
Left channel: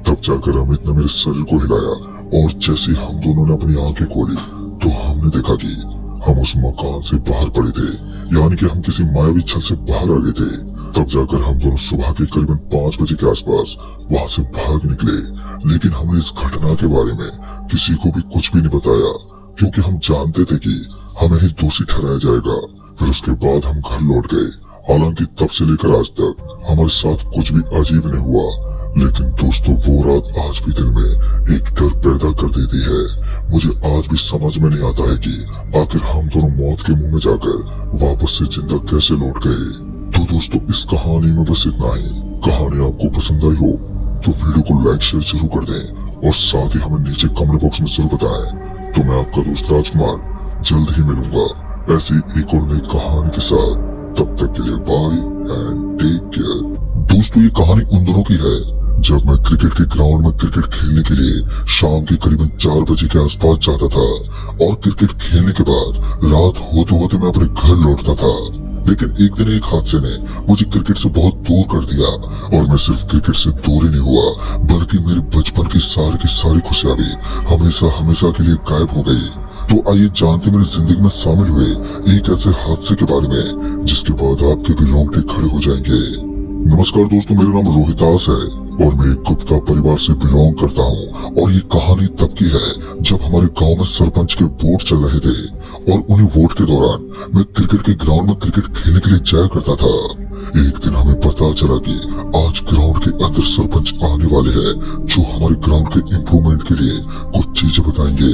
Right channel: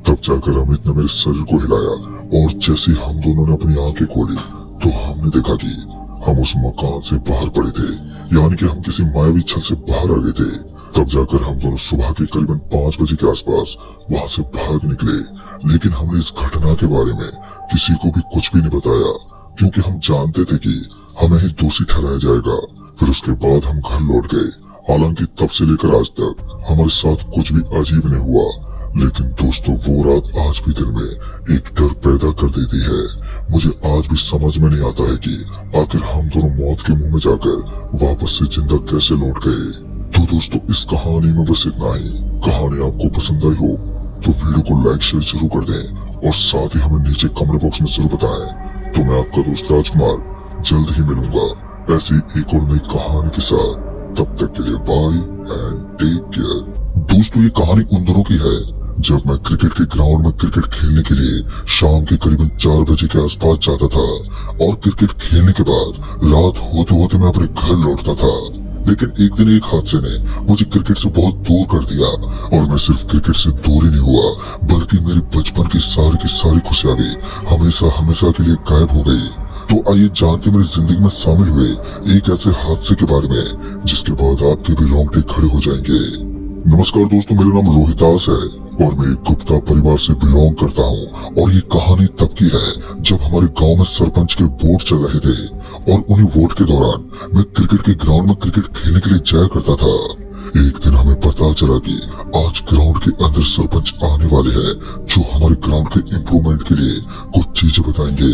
तब जाकर अमित ने मेरे शरीर को हिलाया, और जैसे हम दोनों ने अपनी आंखें खोली तो हमने देखा कि हम उस मकान से बाहर पड़े थे, यानी कि हम किसी मायावी छत से बाहर आ गए थे। तब जाकर हम दोनों सुबह के करीबन 5 बजे के आसपास वहाँ से भाग निकले, लेकिन हमने इस घटना के बारे में किसी को भी कुछ भी नहीं बताया, क्योंकि हम जानते थे कि हमें ही दोषी ठहराया जाएगा। फिर उसके बाद हम घर लौट गए। हालांकि तब से लेकर आज तक हमारे साथ कुछ भी अजीब नहीं हुआ, लेकिन दोस्तों वो रात आज भी दिल में एक डर पैदा कर देती है। मुझे आज भी समझ में नहीं आता है कि आखिर हम दोनों मौत के मुंह में जाकर वापस से जिंदा कैसे लौट गए। तो दोस्तों इस कहानी में बस इतना ही। कहानी आपको पसंद आई हो तो वीडियो को लाइक शेयर जरूर कर दें और साथ ही हमें नीचे कमेंट बॉक्स में जरूर बताएं। तो मैं आपका दोस्त राजकुमार जल्द ही मिलूंगा ऐसी एक और नई कहानी के साथ। तब तक के लिए बाय एंड टेक केयर। दोस्तों ये कहानी उन दोनों की है जब मैं क्रिकेट के ग्राउंड में क्रिकेट खेलने के लिए शाम के करीबन 4 बजे के आसपास जाता था और क्रिकेट खेलने के बाद रात होते होते मैं अपने घर लौटता था। लेकिन एक दिन एक हादसे ने मुझे क्रिकेट से बहुत दूर कर दिया और मैं सिर्फ क्रिकेट से दूर ही नहीं हुआ बल्कि मेरे बचपन की सारी खुशियां भी हमेशा हमेशा के लिए गायब हो गई। तो आइए जानते मेरी जिंदगी में शामिल हुए एक ऐसे हादसे के बारे में जिसके बाद आपके भी रोंगटे खड़े हो जाएंगे। नमस्कार दोस्तों, मेरा नाम रोहितास है और मैं एक गुप्ता परिवार से बिलोंग करता हूँ और ये कहानी तब की है जब हमारे गांव में सरपंच के वोट चल रहे थे और उन्हीं वोट के दौरान मैं क्रिकेट के ग्राउंड में क्रिकेट खेलने के लिए जाया करता था। एक दिन हमें पता चला कि आज ग्राउंड के अंदर सरपंच आने वाले हैं जो हमारे ग्राउंड के इम्प्रूवमेंट के लिए कुछ चीजें बताएंगे।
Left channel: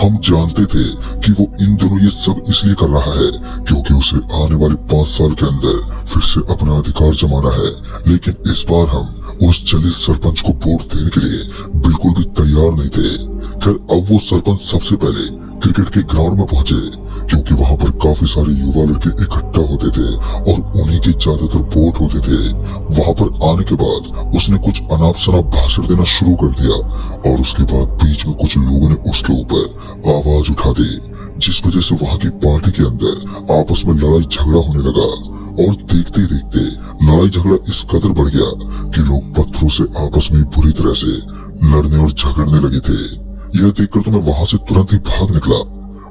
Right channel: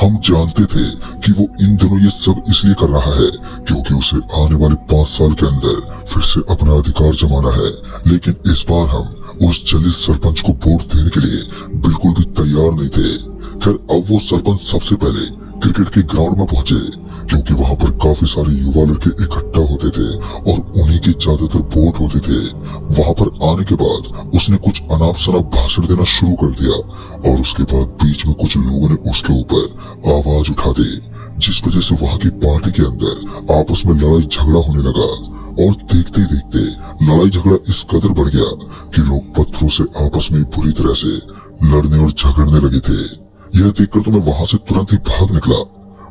हम जानते थे कि वो इन दिनों ये सब इसलिए कर रहा है क्योंकि उसे आने वाले 5 साल के अंदर फिर से अपना अधिकार जमाना है। लेकिन इस बार हम उस चलित सरपंच को वोट देने के लिए बिल्कुल भी तैयार नहीं थे। खैर अब वो सरपंच सबसे पहले क्रिकेट के ग्राउंड में पहुंचे क्योंकि वहाँ पर काफी सारे युवा लड़के इकट्ठा होते थे और उन्हीं के ज्यादातर वोट होते थे। वहाँ पर आने के बाद उसने कुछ अनाप शनाप भाषण देना शुरू कर दिया और उसके बाद बीच में कुछ लोगों ने उसके ऊपर आवाज उठा दी जिस वजह से वहाँ की पार्टी के अंदर आपस में लड़ाई झगड़ा होने लगा और देखते देखते लड़ाई झगड़ा इस कदर बढ़ गया कि लोग पत्थरों से आपस में बुरी तरह से लड़ने और झगड़ने लगे थे। यह देखकर तो मैं वहाँ से तुरंत ही भाग निकला।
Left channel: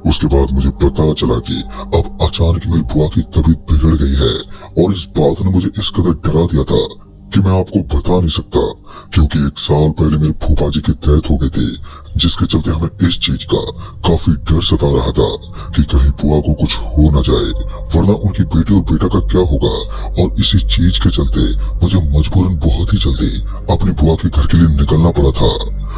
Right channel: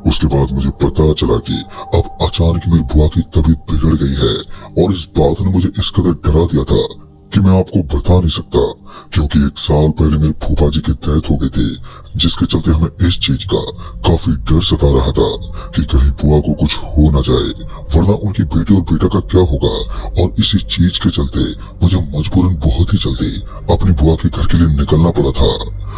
उसके बाद मुझे पता चला कि अब अचानक मेरी बुआ की तबीयत बिगड़ गई है और इस बात ने मुझे इस कदर डरा दिया था कि मैं आपको बता नहीं सकता क्योंकि 1 साल पहले मेरे फूफा जी की डेथ हो गई थी जिसके चलते हमें इस चीज का काफी डर सता रहा था कि कहीं बुआ को कुछ हो न जाए वरना उनकी बेटी और बेटा का क्या होगा। और इसी चीज के चलते मुझे मजबूरन बहुत ही जल्दी अपनी बुआ के घर के लिए निकलना पड़ा था।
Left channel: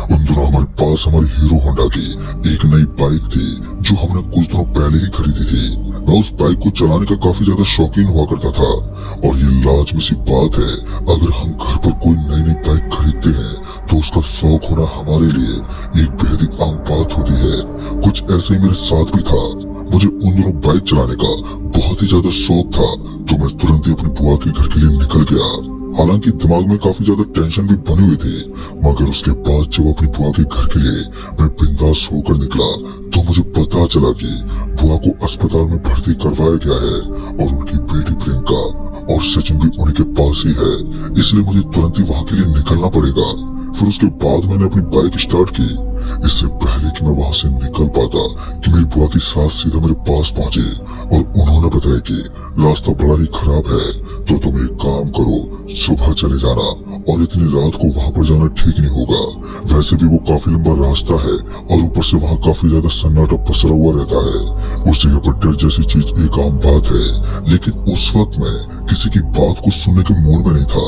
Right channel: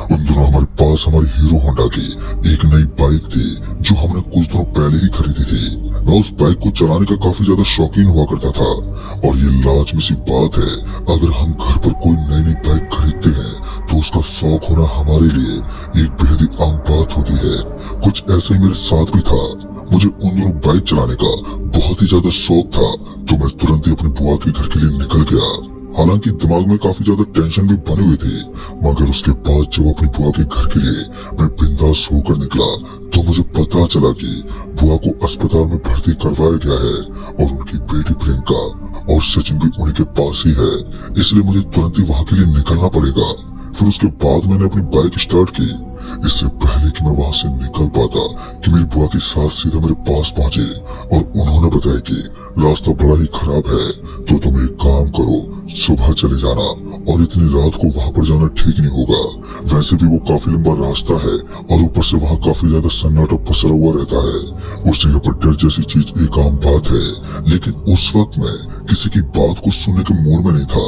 उन दिनों हमारे पास हमारी हीरो होंडा की एक नई बाइक थी जो हमने कुछ दिनों पहले ही खरीदी थी। मैं उस बाइक को चलाने का काफी ज्यादा शौकीन हुआ करता था और ये लाजमी सी बात है अगर हम घर पर कोई नई बाइक खरीदते हैं तो उसका शौक होना हमारे लिए एक बेहद ही आम बात होती है। कुछ ऐसा ही मेरे साथ भी था। मुझे उन दिनों बाइक चलाने का बहुत ही ज्यादा शौक था तो मैं तुरंत ही अपनी बुआ के घर के लिए निकल गया। हालांकि दिमाग में काफी ज्यादा टेंशन भी बनी हुई थी मगर उसके बाद जब अपनी बुआ के घर के लिए मैं बिंदास होकर निकला तो मुझे पता चला कि बुआ को अस्पताल में भर्ती करवाया गया है और उनकी बेटी प्रियंका और सचिन भी उन्हीं के पास ही है, इसलिए मुझे तुरंत ही वहाँ के लिए निकलना पड़ेगा। फिर उसके बाद मैंने अपनी बाइक स्टार्ट की। इससे पहले कि मैं वहाँ से निकल पाता कि मेरी बुआ की सास सीधा मेरे पास पहुँचे और उन्होंने बताया कि रास्ता बड़ा ही खराब है तो तुम एक काम करो, सुबह चले जाना और इतनी रात को वहाँ पर जाना ठीक नहीं होगा। वैसे भी वो काफी लंबा रास्ता है और ऊपर से वहाँ काफी ज्यादा सन्नाटा पसरा हुआ रहता है। उस जगह पर डर जैसी चीज एक आम बात है लेकिन उस वक्त मैं किसी की बात को सुनने के मूड में नहीं था।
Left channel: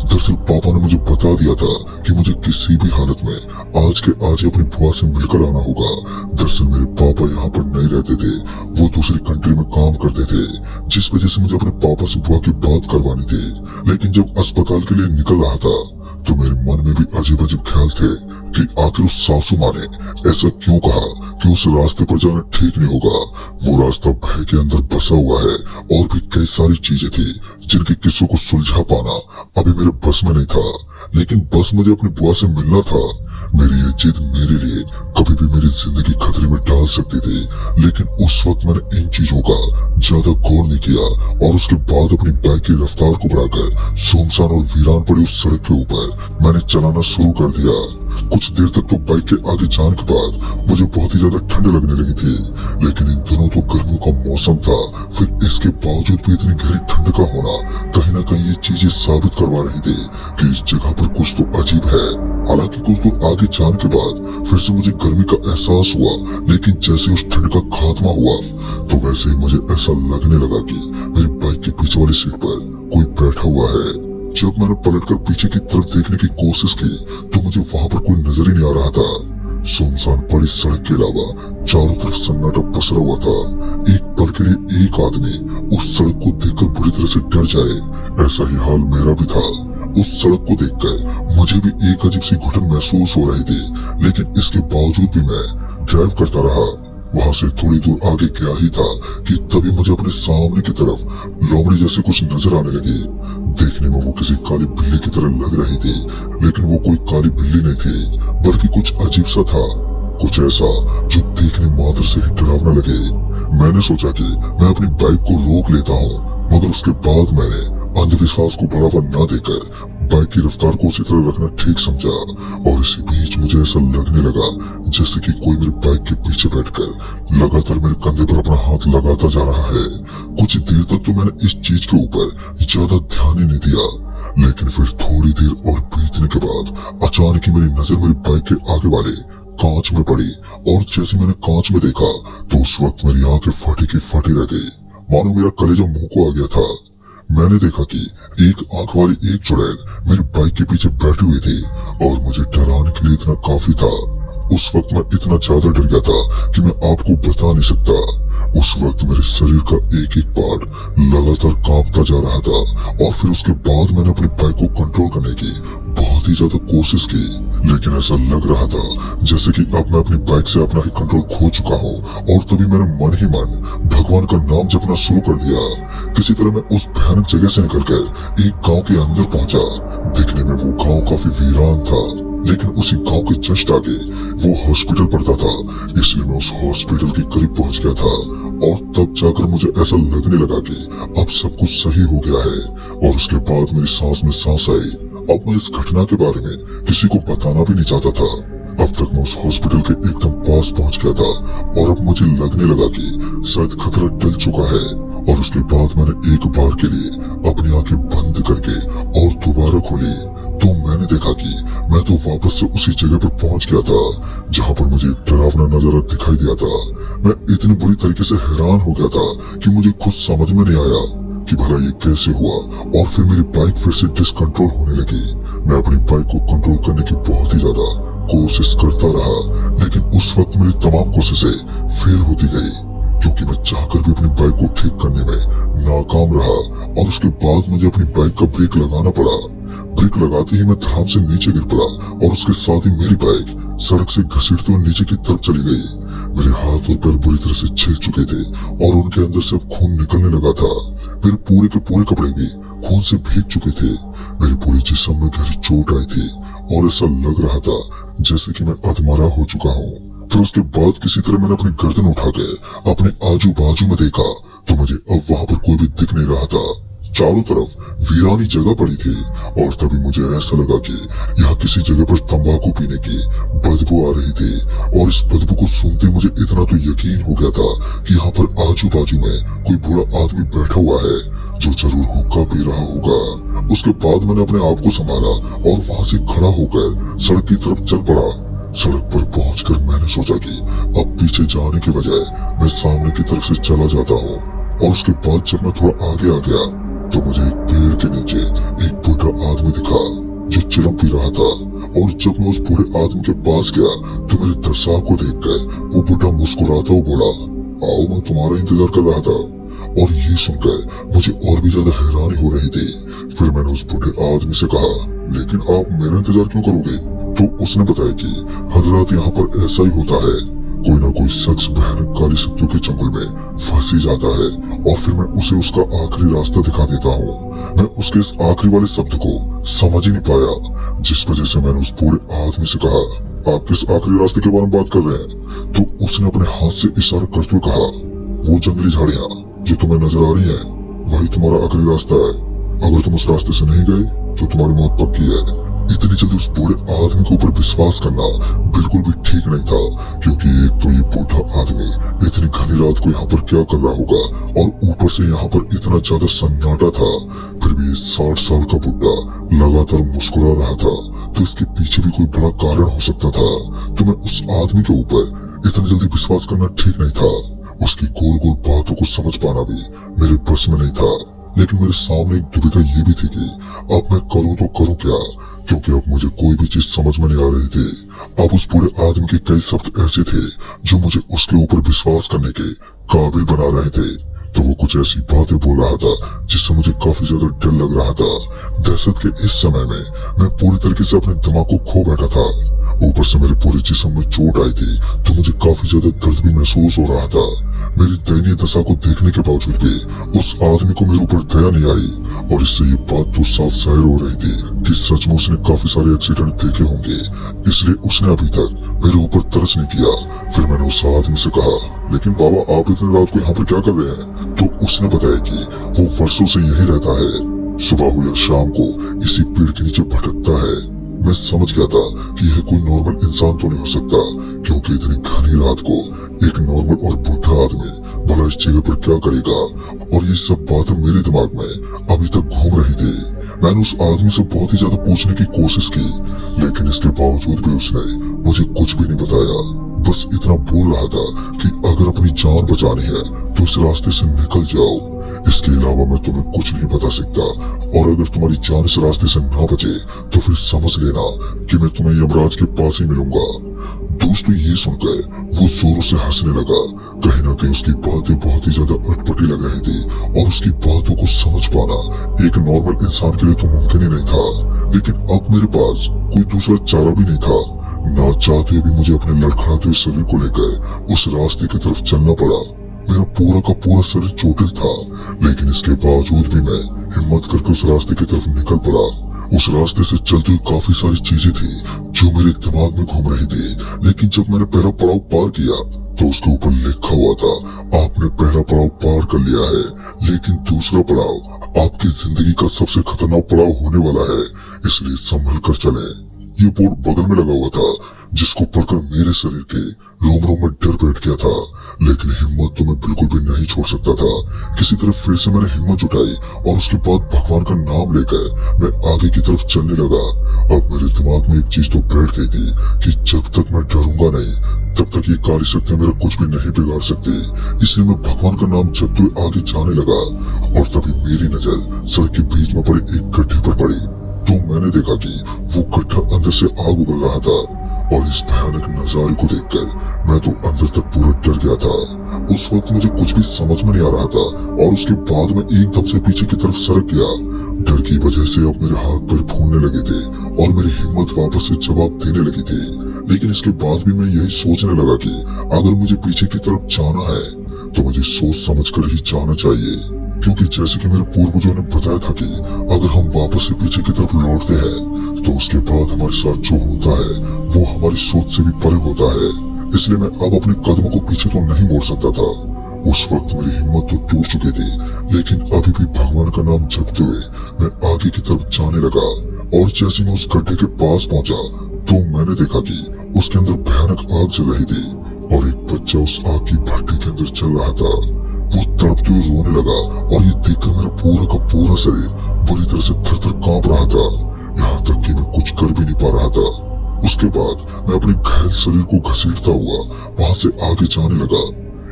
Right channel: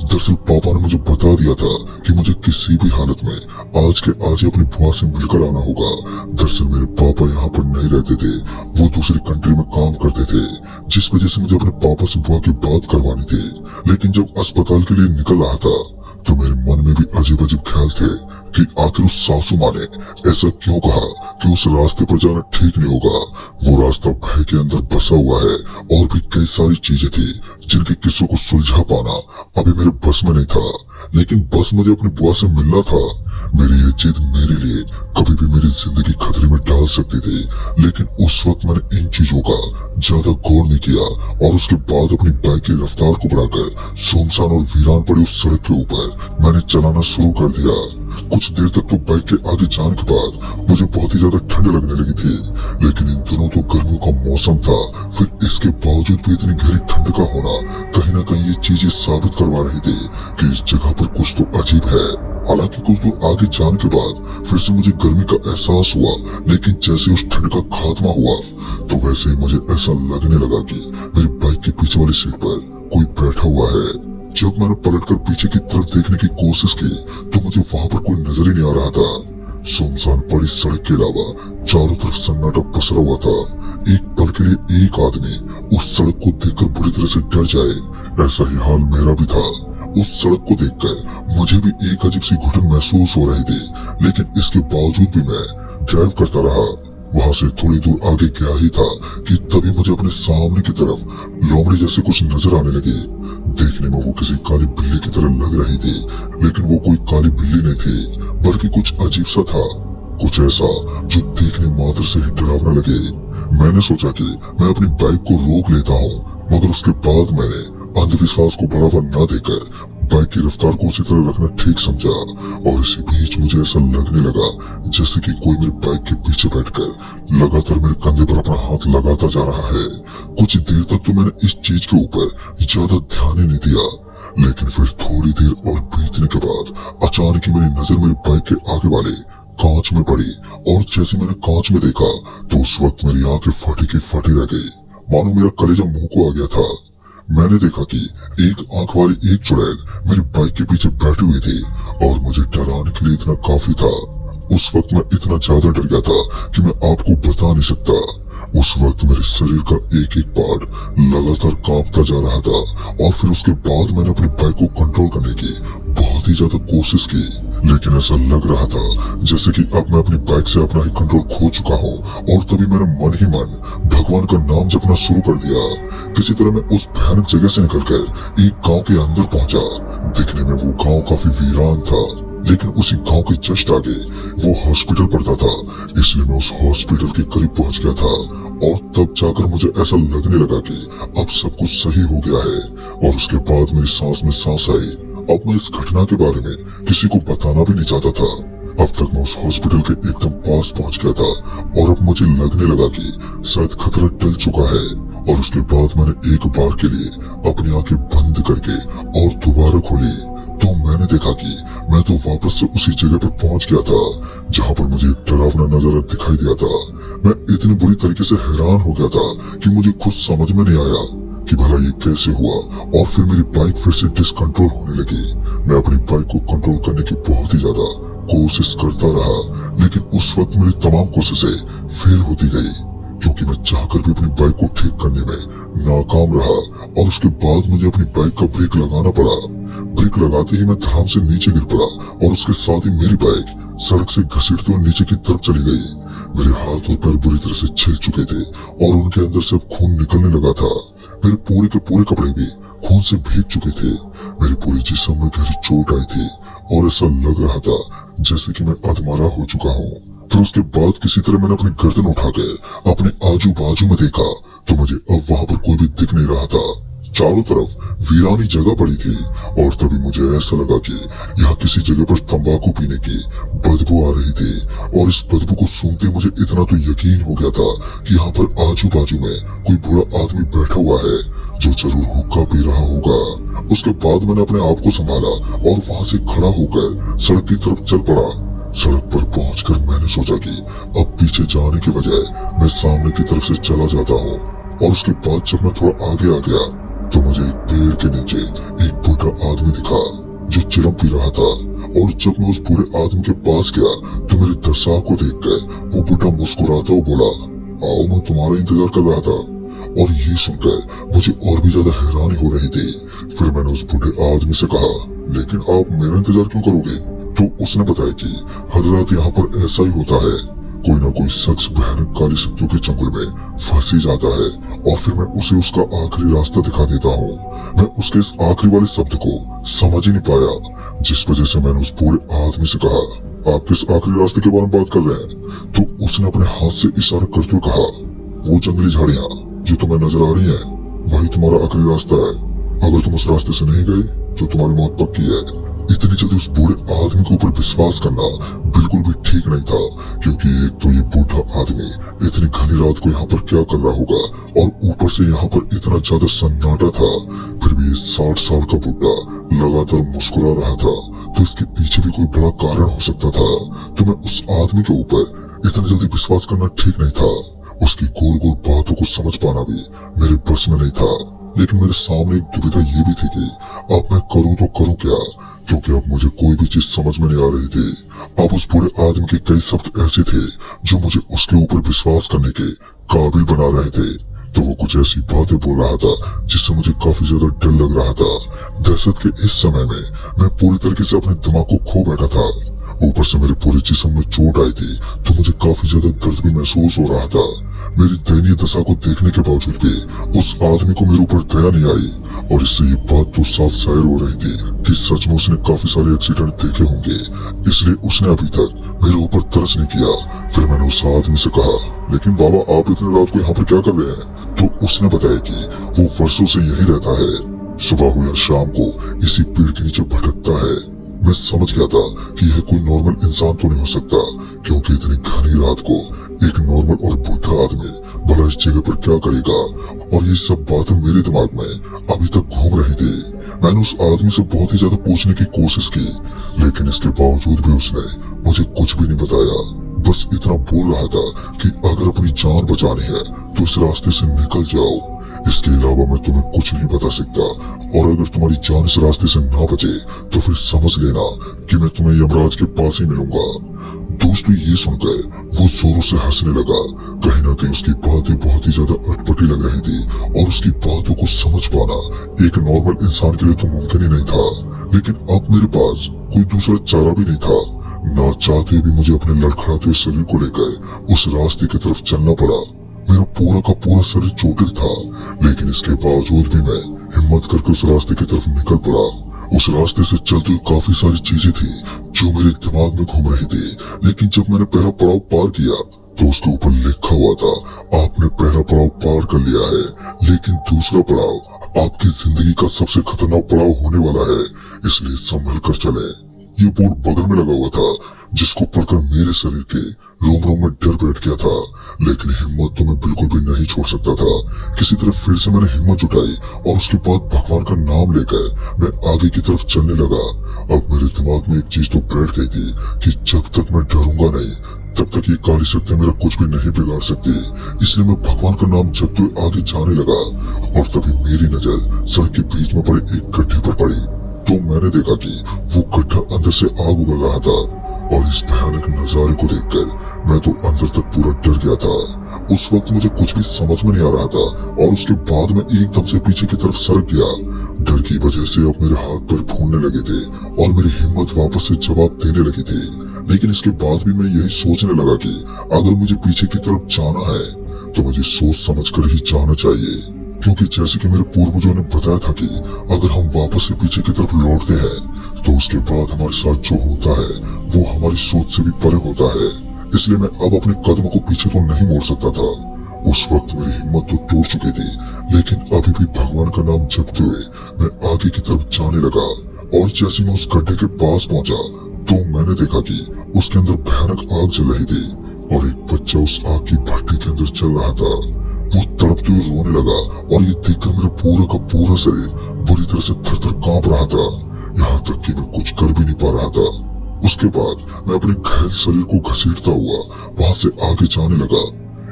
दरअसल पापा ने मुझे बता दिया था कि मुझे किसी भी हालत में आज के आज अपनी बुआ से मिलकर आना होगा। दरअसल मेरे पापा यहाँ पर नहीं रहते थे, वो दूसरे कंट्री में काम करते थे जिस वजह से मुझे अपने पापा से बुआ की बात करवानी थी। लेकिन जब अस्पताल के लिए निकल रहा था तो मेरे मन में भी अजीब अजीब ख्याल थे कि आखिर उस सासू माँ ने ऐसा क्यों कहा कि उस रास्ते पर जाना ठीक नहीं होगा। वो रास्ता भय के अंदर बसा हुआ है और भी कई सारी चीजें थी जिनके किस्सों को सुलझा पाना अभी मेरे बस में नहीं था। लेकिन बस मुझे अपनी बुआ से मिलना था। मेरी ये जिद मेरे लिए कभी भी मेरी जिंदगी खतरे में डाल सकती थी लेकिन उस वक्त मैंने इन चीजों का ज्यादा गौर नहीं किया और उसके बाद अपनी बाइक की रफ्तार को बढ़ाकर सुनसान और वीरान पड़े उस सड़क के ऊपर मैंने चलाना शुरू कर दिया। कुछ देर तक तो बाइक के आगे जाने के बाद मुझे बहुत ही ज्यादा ठंड लगने लगी थी लेकिन इन दिनों तो गर्मियों का मौसम था। फिर इसके बावजूद भी इतनी गहरी ठंड का होना कहीं न कहीं ये चीजें साबित करवा रही थी कि इस जगह पर कुछ तो अजीब है। हालांकि कुछ दूर आगे जाने के बाद फिर से मुझे गर्मी का एहसास हुआ लेकिन जैसे उस ठंड का खात्मा हुआ तो वैसे ही मुझे ऐसा लगने लगा कि मेरी बाइक के पीछे वाली सीट पर कोई बैठा हुआ है। जब मैंने पलटकर पीछे की तरफ देखने की कोशिश की तो मुझे वहां पर कोई नजर ही नहीं आ रहा था। सुनसान पड़ी सड़क के अलावा चारों तरफ सन्नाटा पसरा हुआ था। एक पल के लिए एक आदमी उस सड़क को देखकर बुरी तरह से डर जाए, ऐसा ही हाल मेरा भी था। उस सड़क को देखकर मुझे भी एक अजीब सी घुटन महसूस हो रही थी, लेकिन इसके बावजूद भी मैं ड्राइव करता रहा। वहां से थोड़ी दूर आगे गया ही था कि तभी मुझे अपने सामने की तरफ लोमड़ी जैसे कुछ नजर आने लगी। देखने में वो किसी काली बिल्ली की तरह लग रही थी, लेकिन वो कोई काली बिल्ली नहीं थी, बल्कि कुछ अजीब सा था, कुछ ऐसा जो देखने मात्र से ही डरावना लगे। मैंने सोचा कि मैं अपनी बाइक को रोक लेता हूँ, मगर उसके बाद मैंने अंधविश्वास को बढ़ावा न देकर बाइक की रफ्तार को उसी तरह रखना ठीक समझा। और इसी बीच मुझे ऐसा लगने लगा जैसे कि कोई मेरी बाइक के पीछे बैठकर लगातार मेरे कंधे पर अपना हाथ लगाता जा रहा है। कुछ देर तक तो मैंने इस चीज के ऊपर ज्यादा ध्यान ही नहीं दिया, लेकिन फिर थोड़ी देर और बीतने के बाद अचानक ही मेरी नजर मेरी बाइक के आगे वाले कांच में पड़ी। और जैसे मैंने कांच में देखा तो उस वक्त मेरी आंखें फटी की फटी रह गई, मानो मेरा कलेजा मुंह को आ गया था। मैंने देखा कि एक आंख वाली एक चुड़ैल मेरी बाइक के पीछे बैठी हुई थी और मुझे डराने के लिए इतना काफी था। उस वक्त मैं इतना ज्यादा डर गया था कि मैं आपको बता नहीं सकता। उस वक्त मेरे शरीर का एक एक पार्ट लगातार कांपता जा रहा था, और फिर उसके बाद मैंने अपनी बाइक को कंट्रोल करने की बहुत ही ज्यादा कोशिश की, लेकिन ऐसा लग रहा था जैसे कि अब मैं अपनी बाइक से अपना ही कंट्रोल खो चुका हूँ। और तभी मैंने मन ही मन भगवान का नाम जपना शुरू कर दिया। किसी तरह मैं उस भयानक जगह से निकलकर एक गांव के अंदर पहुंचा। दिखने में वो गांव काफी वीरान था, लेकिन उसी गांव के जस्ट आगे वो हॉस्पिटल पड़ता था, इसलिए मैं उस हॉस्पिटल के करीब पहुंच गया था। और तब जाकर मुझे ऐसा लगने लगा कि अब सब कुछ सही हो गया है। और उसके बाद मेरी सांस में सांस आई। अब मैं इस घटना के बारे में किसी को बताना भी नहीं चाहता था। अब तक मैं उस हॉस्पिटल के एकदम पास पहुंच गया था, और अब मुझे लगने लगा कि शायद खतरा टल चुका है। और उसके बाद मैंने एक बार के लिए अपनी आंखें बंद करके और दोबारा खोली तो मैंने देखा कि मैं तो वापस से उसी जगह पर पहुंच गया था जहां पर मुझे एक डरावना नजारा दिखाई दिया था। मैं इतनी बुरी तरीके से हैरान हो गया था कि मुझे खुद समझ में नहीं आया कि भला ये कैसे हुआ। और फिर मेरी बाइक फिर से डिसकंट्रोल होने लगी। मैं अपनी बाइक को कंट्रोल करने की बहुत ही ज्यादा कोशिश करता रहा, लेकिन उस वक्त मेरी तमाम कोशिशें फेल होती गई, क्योंकि मैं चाहकर भी अपनी बाइक को ठीक करने में नाकाम रहा। और उसके बाद मुझे अपनी बाइक का ब्रेक लगाना पड़ा। ब्रेक लगाते ही मैं धड़ाम से नीचे गिर पड़ा, और उसके साथ ही मेरी बाइक सड़क से घसीटते हुए नीचे की तरफ चली गई। मेरे हाथ और पैर पूरी तरह से छिल चुके थे, और उनके अंदर से अब खून निकलने लगा था। मेरे पूरे के पूरे कपड़े भी खून से भीग चुके थे। मेरे पूरे जिस्म में गहरी चोट आई थी, और ऐसा लग रहा था जैसे कि मैं अधमरा हो चुका हूँ। फिर उसके बाद किसी तरह मैंने अपनी गर्दन उठा के अपने आजू बाजू में देखा तो मुझे अब वहां पर कोई भी दिख नहीं रहा था। चारों तरफ वीरानी जगह पड़ी थी, और तभी मुझे ऐसा लगा कि यहाँ किसी जगह पर तंबाकू पीने की बदबू आ रही थी। और इस बदबू को सूंघते मुझे इतना तो यकीन हो गया था कि यहाँ पर आजू बाजू में कोई बुरा आदमी बैठा हुआ है जो जरूर हुक्का पी रहा होगा। उसके बाद मैंने अपने आप को संभाला और वहां से खड़ा होकर सड़क की तरफ चल पड़ा। सड़क पर पहुंचकर मैंने सोचा कि अब पीछे जाने के बजाय मैं सामने की तरफ से चला जाता हूँ। और उसके बाद जब मैं थोड़ा आगे आ गया तो मुझे एक पेड़ के नीचे एक बूढ़ा आदमी दिखा जो चिलम पी रहा था। और जब मैं उस बूढ़े आदमी के पास गया तो मेरे दशा को देखकर वो बूढ़ा मुस्कुराता हुआ बोला, आओ, मैं तुम्हारा इंतजार कर रहा था। और ये सुनकर मुझे और भी ज्यादा हैरानी हो रही थी। फिर मैंने उस बूढ़े आदमी से कहा, लेकिन आप मेरा इंतजार क्यों करोगे? तो उसने बताया कि हजरात, यहाँ पर ऐसा ही होता है, कोई ना कोई शख्स भयानक काली शक्तियों के चंगुल में फंस ही जाता है, और फिर मैं उसे उसका आखिरी रास्ता दिखा देता हूँ। मैं उसके इस आखिरी वाले शब्द को समझ ही नहीं पाया, जिस वजह से मैंने उस बूढ़े आदमी से कहा, आप किस आखिरी रास्ते के बारे में बात कर रहे हैं? तो उसने अपने हाथ से इशारा करते हुए कहा, वो जंगली झाड़ियाँ जो तुम्हें नजर आ रही है वही तुम्हारा आखिरी रास्ता है। अगर तुम उस रास्ते से नहीं गए तो तुम्हारी मौत पक्की है। इतनी जल्दी उस बूढ़े आदमी के ऊपर विश्वास करना बिल्कुल भी ठीक नहीं था, क्योंकि एक तो ये बूढ़ा आदमी इतनी घनी रात को यहाँ पर क्या कर रहा होगा, और ऊपर से यहाँ पर इतना ज्यादा सन्नाटा था। फिर भी 60 साल का बुढ़ा लगातार मुस्कुरा रहा था, तो इसके पीछे भी कोई बड़ा कारण हो सकता था। तो मैं उस आदमी के ऊपर इतनी जल्दी विश्वास करना ठीक नहीं था। उसकी गोल गोल बातों को समझ पाना भी मेरे बस में नहीं था। लेकिन मेरे सामने एक दुविधा ये भी थी कि अब मैं करूं तो करूं क्या, क्योंकि अब मुझे कोई भी चीज समझ में नहीं आ रही थी। अब उस बुरे आदमी के कई शब्द ऐसे थे जो मुझे उसके ऊपर विश्वास करने के काबिल बना रहे थे। तो वो कुछ ऐसी बातें बोल रहा था जिससे मुझे काफी ज्यादा डर लग रहा था। दहशत के इस समय में मैं पूरी तरीके से अपने दिमाग को खो बैठा था। ऊपर से मेरे पूरे जिस्म में चोट आई थी तो मुझे काफी ज्यादा दर्द भी महसूस हो रहा था। मेरी दयनीय दशा को देखने के बावजूद भी उस आदमी को मेरे ऊपर दया नहीं आई, और इससे ये बात तो साफ जाहिर हो रही थी कि सच में उसने काफी सारे एक्सीडेंट देखे होंगे, इसलिए उसने अभी तक मेरे ऊपर तरस नहीं किया। फिर मैंने उस आदमी से कहा, लेकिन बाबा आप इतनी रात को यहाँ पर क्या कर रहे हैं? तो उसने बताया कि वो वर्षों से यही रहता है, सुबह हो या शाम को इसी पेड़ के नीचे भटकता है। मैं समझ गया था कि यह कोई नॉर्मल इंसान तो नहीं हो सकता, क्योंकि इतनी घनी रात को एक नॉर्मल और बुढ़ा आदमी भला इस जगह पर क्या करेगा। और ये सब बातें मेरे दिमाग में अभी तक घूम रही थी। मैंने उस आदमी से बहुत ही ज्यादा पूछने की कोशिश की, लेकिन इसके बावजूद भी उसने मुझे कुछ भी नहीं बताया। बस इतना बोल रहा था कि अगर अपनी जान बचानी है तो इस रास्ते से निकल जाओ, इसके अलावा मैं तुम्हें कुछ नहीं बता सकता, और अगर तुम्हारी जान इस रास्ते से ना बचे तो फिर समझ लेना कि मैं तुम्हें यमराज के पास ही मिलूंगा। दोस्तों ये सुनकर वो जोरों से हंसने लगा। कहीं ना कहीं उसकी बातें बहुत ही ज्यादा अटपटी लग रही थी, और उसकी बातों को समझ पाना एक नॉर्मल इंसान के लिए तो मुमकिन ही नहीं था। लेकिन अब मेरे पास कोई दूसरा चारा भी नहीं था। ना चाहते भी मुझे अपने लड़खड़ाते शरीर को लेकर उस रास्ते की तरफ चलना पड़ा। मेरा पूरा का पूरा शरीर चोटिल था, लेकिन इसके बावजूद भी मैं हिम्मत करके उस रास्ते की तरफ निकल पड़ा। उस रास्ते से चलते हुए काफी सारी चीजें थी जो मेरे दिमाग में घूम रही थी, लेकिन जब मैंने पहला पड़ाव पार किया तो उसके ऊपर लिखा हुआ था, आपने पहला पड़ाव पार कर लिया है, लेकिन दूसरा पड़ाव आपकी जिंदगी का सबसे खतरनाक पड़ाव होने वाला है, इसलिए संभल कर चले। ये बोर्ड बगल में लगा हुआ था, जिसको पढ़कर मेरे शरीर के रोम रोम में डर बैठ गया था। लेकिन हिम्मत तो मैं बिल्कुल भी नहीं छोड़ सकता था। किसी तरह फिर से मैंने हिम्मत जुटाई और उसके बाद भगवान का नाम लेकर मैं आगे की तरफ चलने लगा। अब मेरे दिमाग में एक चीज तो बैठ गई थी कि जब तक मैं डरूंगा नहीं तब तक ये कार्य शक्ति मेरा कुछ भी नहीं बिगाड़ सकती। इसलिए मैं भगवान का नाम जपते हुए आगे जाने लगा, और तभी मेरी नजर सड़क के बीच में पड़े एक गड्ढे पर पड़ी। तो मैंने देखा कि वो गड्ढा अंदर से आग उगल रहा था, और इस भयानक नजारे को देखकर मैं तो अंदर तक पूरा डर गया था। उस वक्त मुझे कुछ भी समझ में नहीं आ रहा था, और उसके बाद मैं एकदम से पीछे की तरफ सरक गया। डर की वजह से अब मेरे हाथ पैर फूलने लगे थे और मेरी हिम्मत वापस से जवाब देने लगी थी। लेकिन इसके बाद भी मैं यही सोचने लगा कि अगर मुझे पीछे की तरफ जाना है तो मुझे सोच समझ कर ही जाना चाहिए, क्योंकि जैसे कि मेरे पूर्वजों ने बताया था कि अगर हम वापस से पीछे की तरफ लौटते हैं तो उसके बाद हमारे साथ जो होता है वो हमारी सोच से भी परे होता है। इसलिए मैं अब अपने कदम को पीछे तो नहीं मोड़ सकता था। उस वक्त मेरी हिम्मत तो टूट चुकी थी, लेकिन अभी भी भगवान का नाम जपते हुए मैं आगे की तरफ जाने लगा। और जैसे मैं उस गड्ढे के पास पहुंचा तो मैंने देखा कि उसके अंदर भयानक आग जल रही थी, और एक बच्चा उस आग की भट्टी के अंदर चल रहा था। वो तड़पते हुए रोने लगा, और ये देखकर मेरा पूरा का पूरा शरीर बुरी तरह से थर थर कांप रहा था, यहाँ तक कि मैं कुछ कर भी नहीं पा रहा था। उसके बाद मैं अपने घायल शरीर को घसीटता हुआ वहां से आगे जाने लगा।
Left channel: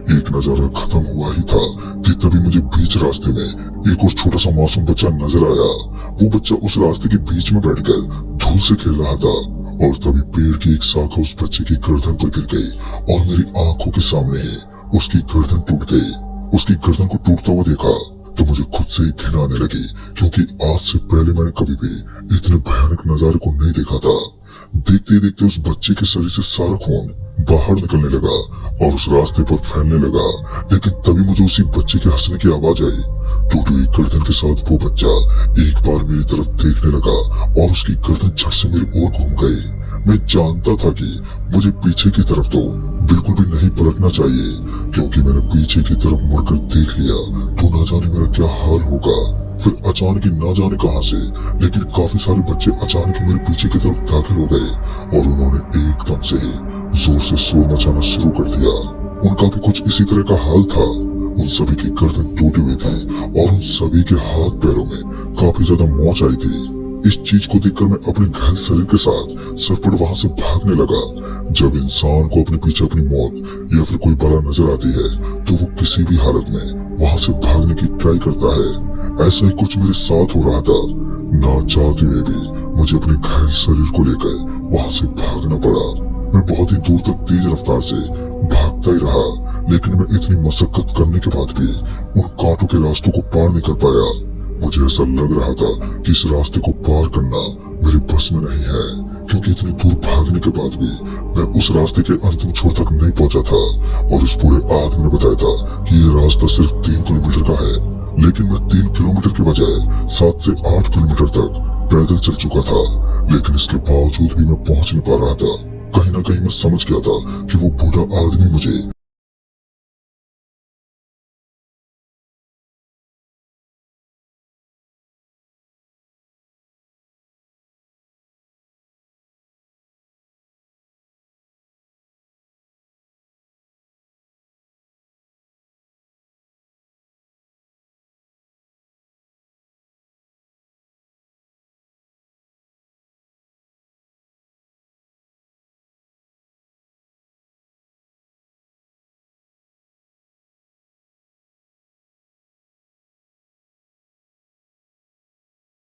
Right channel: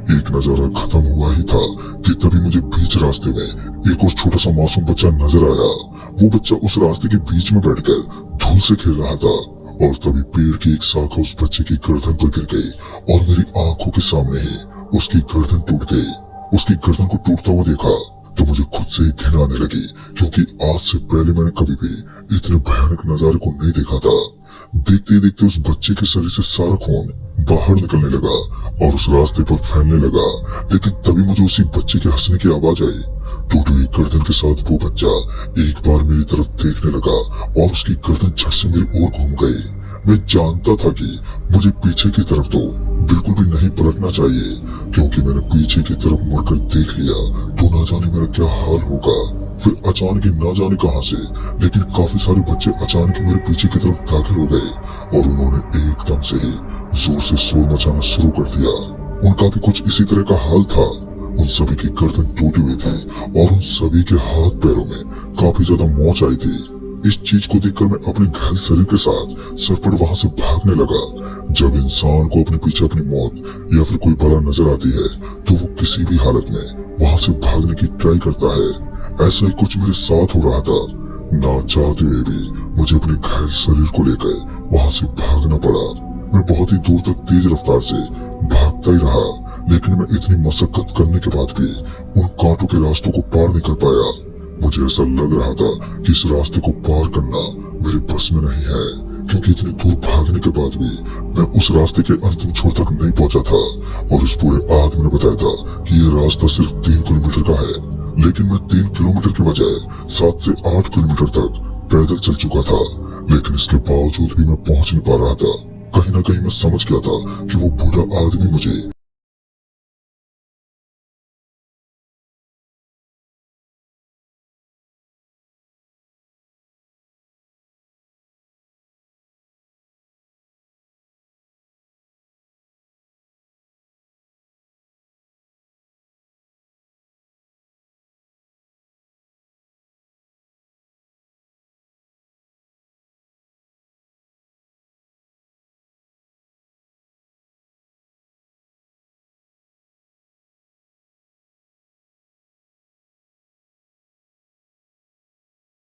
एक नजारा खत्म हुआ ही था कि तभी मुझे बीच रास्ते में एक और छोटा सा मासूम बच्चा नजर आया। वो बच्चा उस रास्ते के बीच में बैठकर धूल से खेल रहा था, और तभी पेड़ की एक शाखा उस बच्चे की गर्दन पर गिर गई, और मेरी आंखों के सामने ही उसकी गर्दन टूट गई। उसकी गर्दन को टूटता हुआ देखा तो मुझे खुद से ही घिन आने लगी, क्योंकि आज से पहले मैंने कभी भी इतने भयानक नजारे को नहीं देखा था। देखते देखते उस बच्चे के शरीर से सारा खून बाहर निकलने लगा और उस रास्ते पर फैलने लगा। लेकिन तभी मुझे उसी बच्चे के हंसने की आवाज आई। टूटी हुई गर्दन के साथ वो बच्चा एक बार मेरी तरफ देखने लगा, और उसकी गर्दन झट से मेरी ओर घूम गई। मैं जानता था कि मुझे पीछे की तरफ तो बिल्कुल भी नहीं पलटना चाहिए, क्योंकि मैंने पीछे की तरफ मुड़कर देख लिया तो ना जाने मेरा क्या हाल होगा। फिर अचानक ही ना जाने कहां से, लेकिन काफी सारे बच्चे अचानक ही मेरे पीछे की तरफ दाखिल हो गए, और उन्होंने एकदम से ही जोर से शोर मचाना शुरू कर दिया। उनका भी कुछ इसी तरह का हाल था। उन सभी की गर्दन टूटी हुई थी, और उन सभी के हाथ पैरों में काफी ज्यादा मोच आई थी। इस चीज को देखकर मैं अपने घायल शरीर के साथ सरपट वहां से भागने लगा। जब इंसान को अपने पीछे अपनी मौत या फिर कोई बला नजर आती है तो वो किसी भी हालत में वहां से भागने की ट्राई करता है। ऐसा ही कुछ मेरे साथ हो रहा था। ना चाहते हुए भी मुझे अपने घायल शरीर को लेकर वहां से भागना पड़ा। मैं बहुत ही दूर तक तेज रफ्तार से भागता ही रहा, लेकिन मैं इतनी मशक्कत करने के बाद भी उन कांटों के रास्तों को पार नहीं कर पाया। मुझे ऐसा लग रहा था कि इस रास्ते को पार करना मेरे बस में नहीं है, क्योंकि इतनी दूर भागने के बाद भी मैं उस रास्ते के अंतिम छोर तक नहीं पहुंचा था। और उस बूढ़े आदमी ने बताया था कि ये रास्ता सिर्फ 3 किलोमीटर का है, लेकिन मैं 3 किलोमीटर के बजाय 7 से 8 किलोमीटर तक पैदल चल चुका था। लेकिन इसके बावजूद भी मैं पहुंच नहीं पा रहा था। कहीं ना कहीं मैं समझ गया था कि वो बूढ़ा आदमी मुझे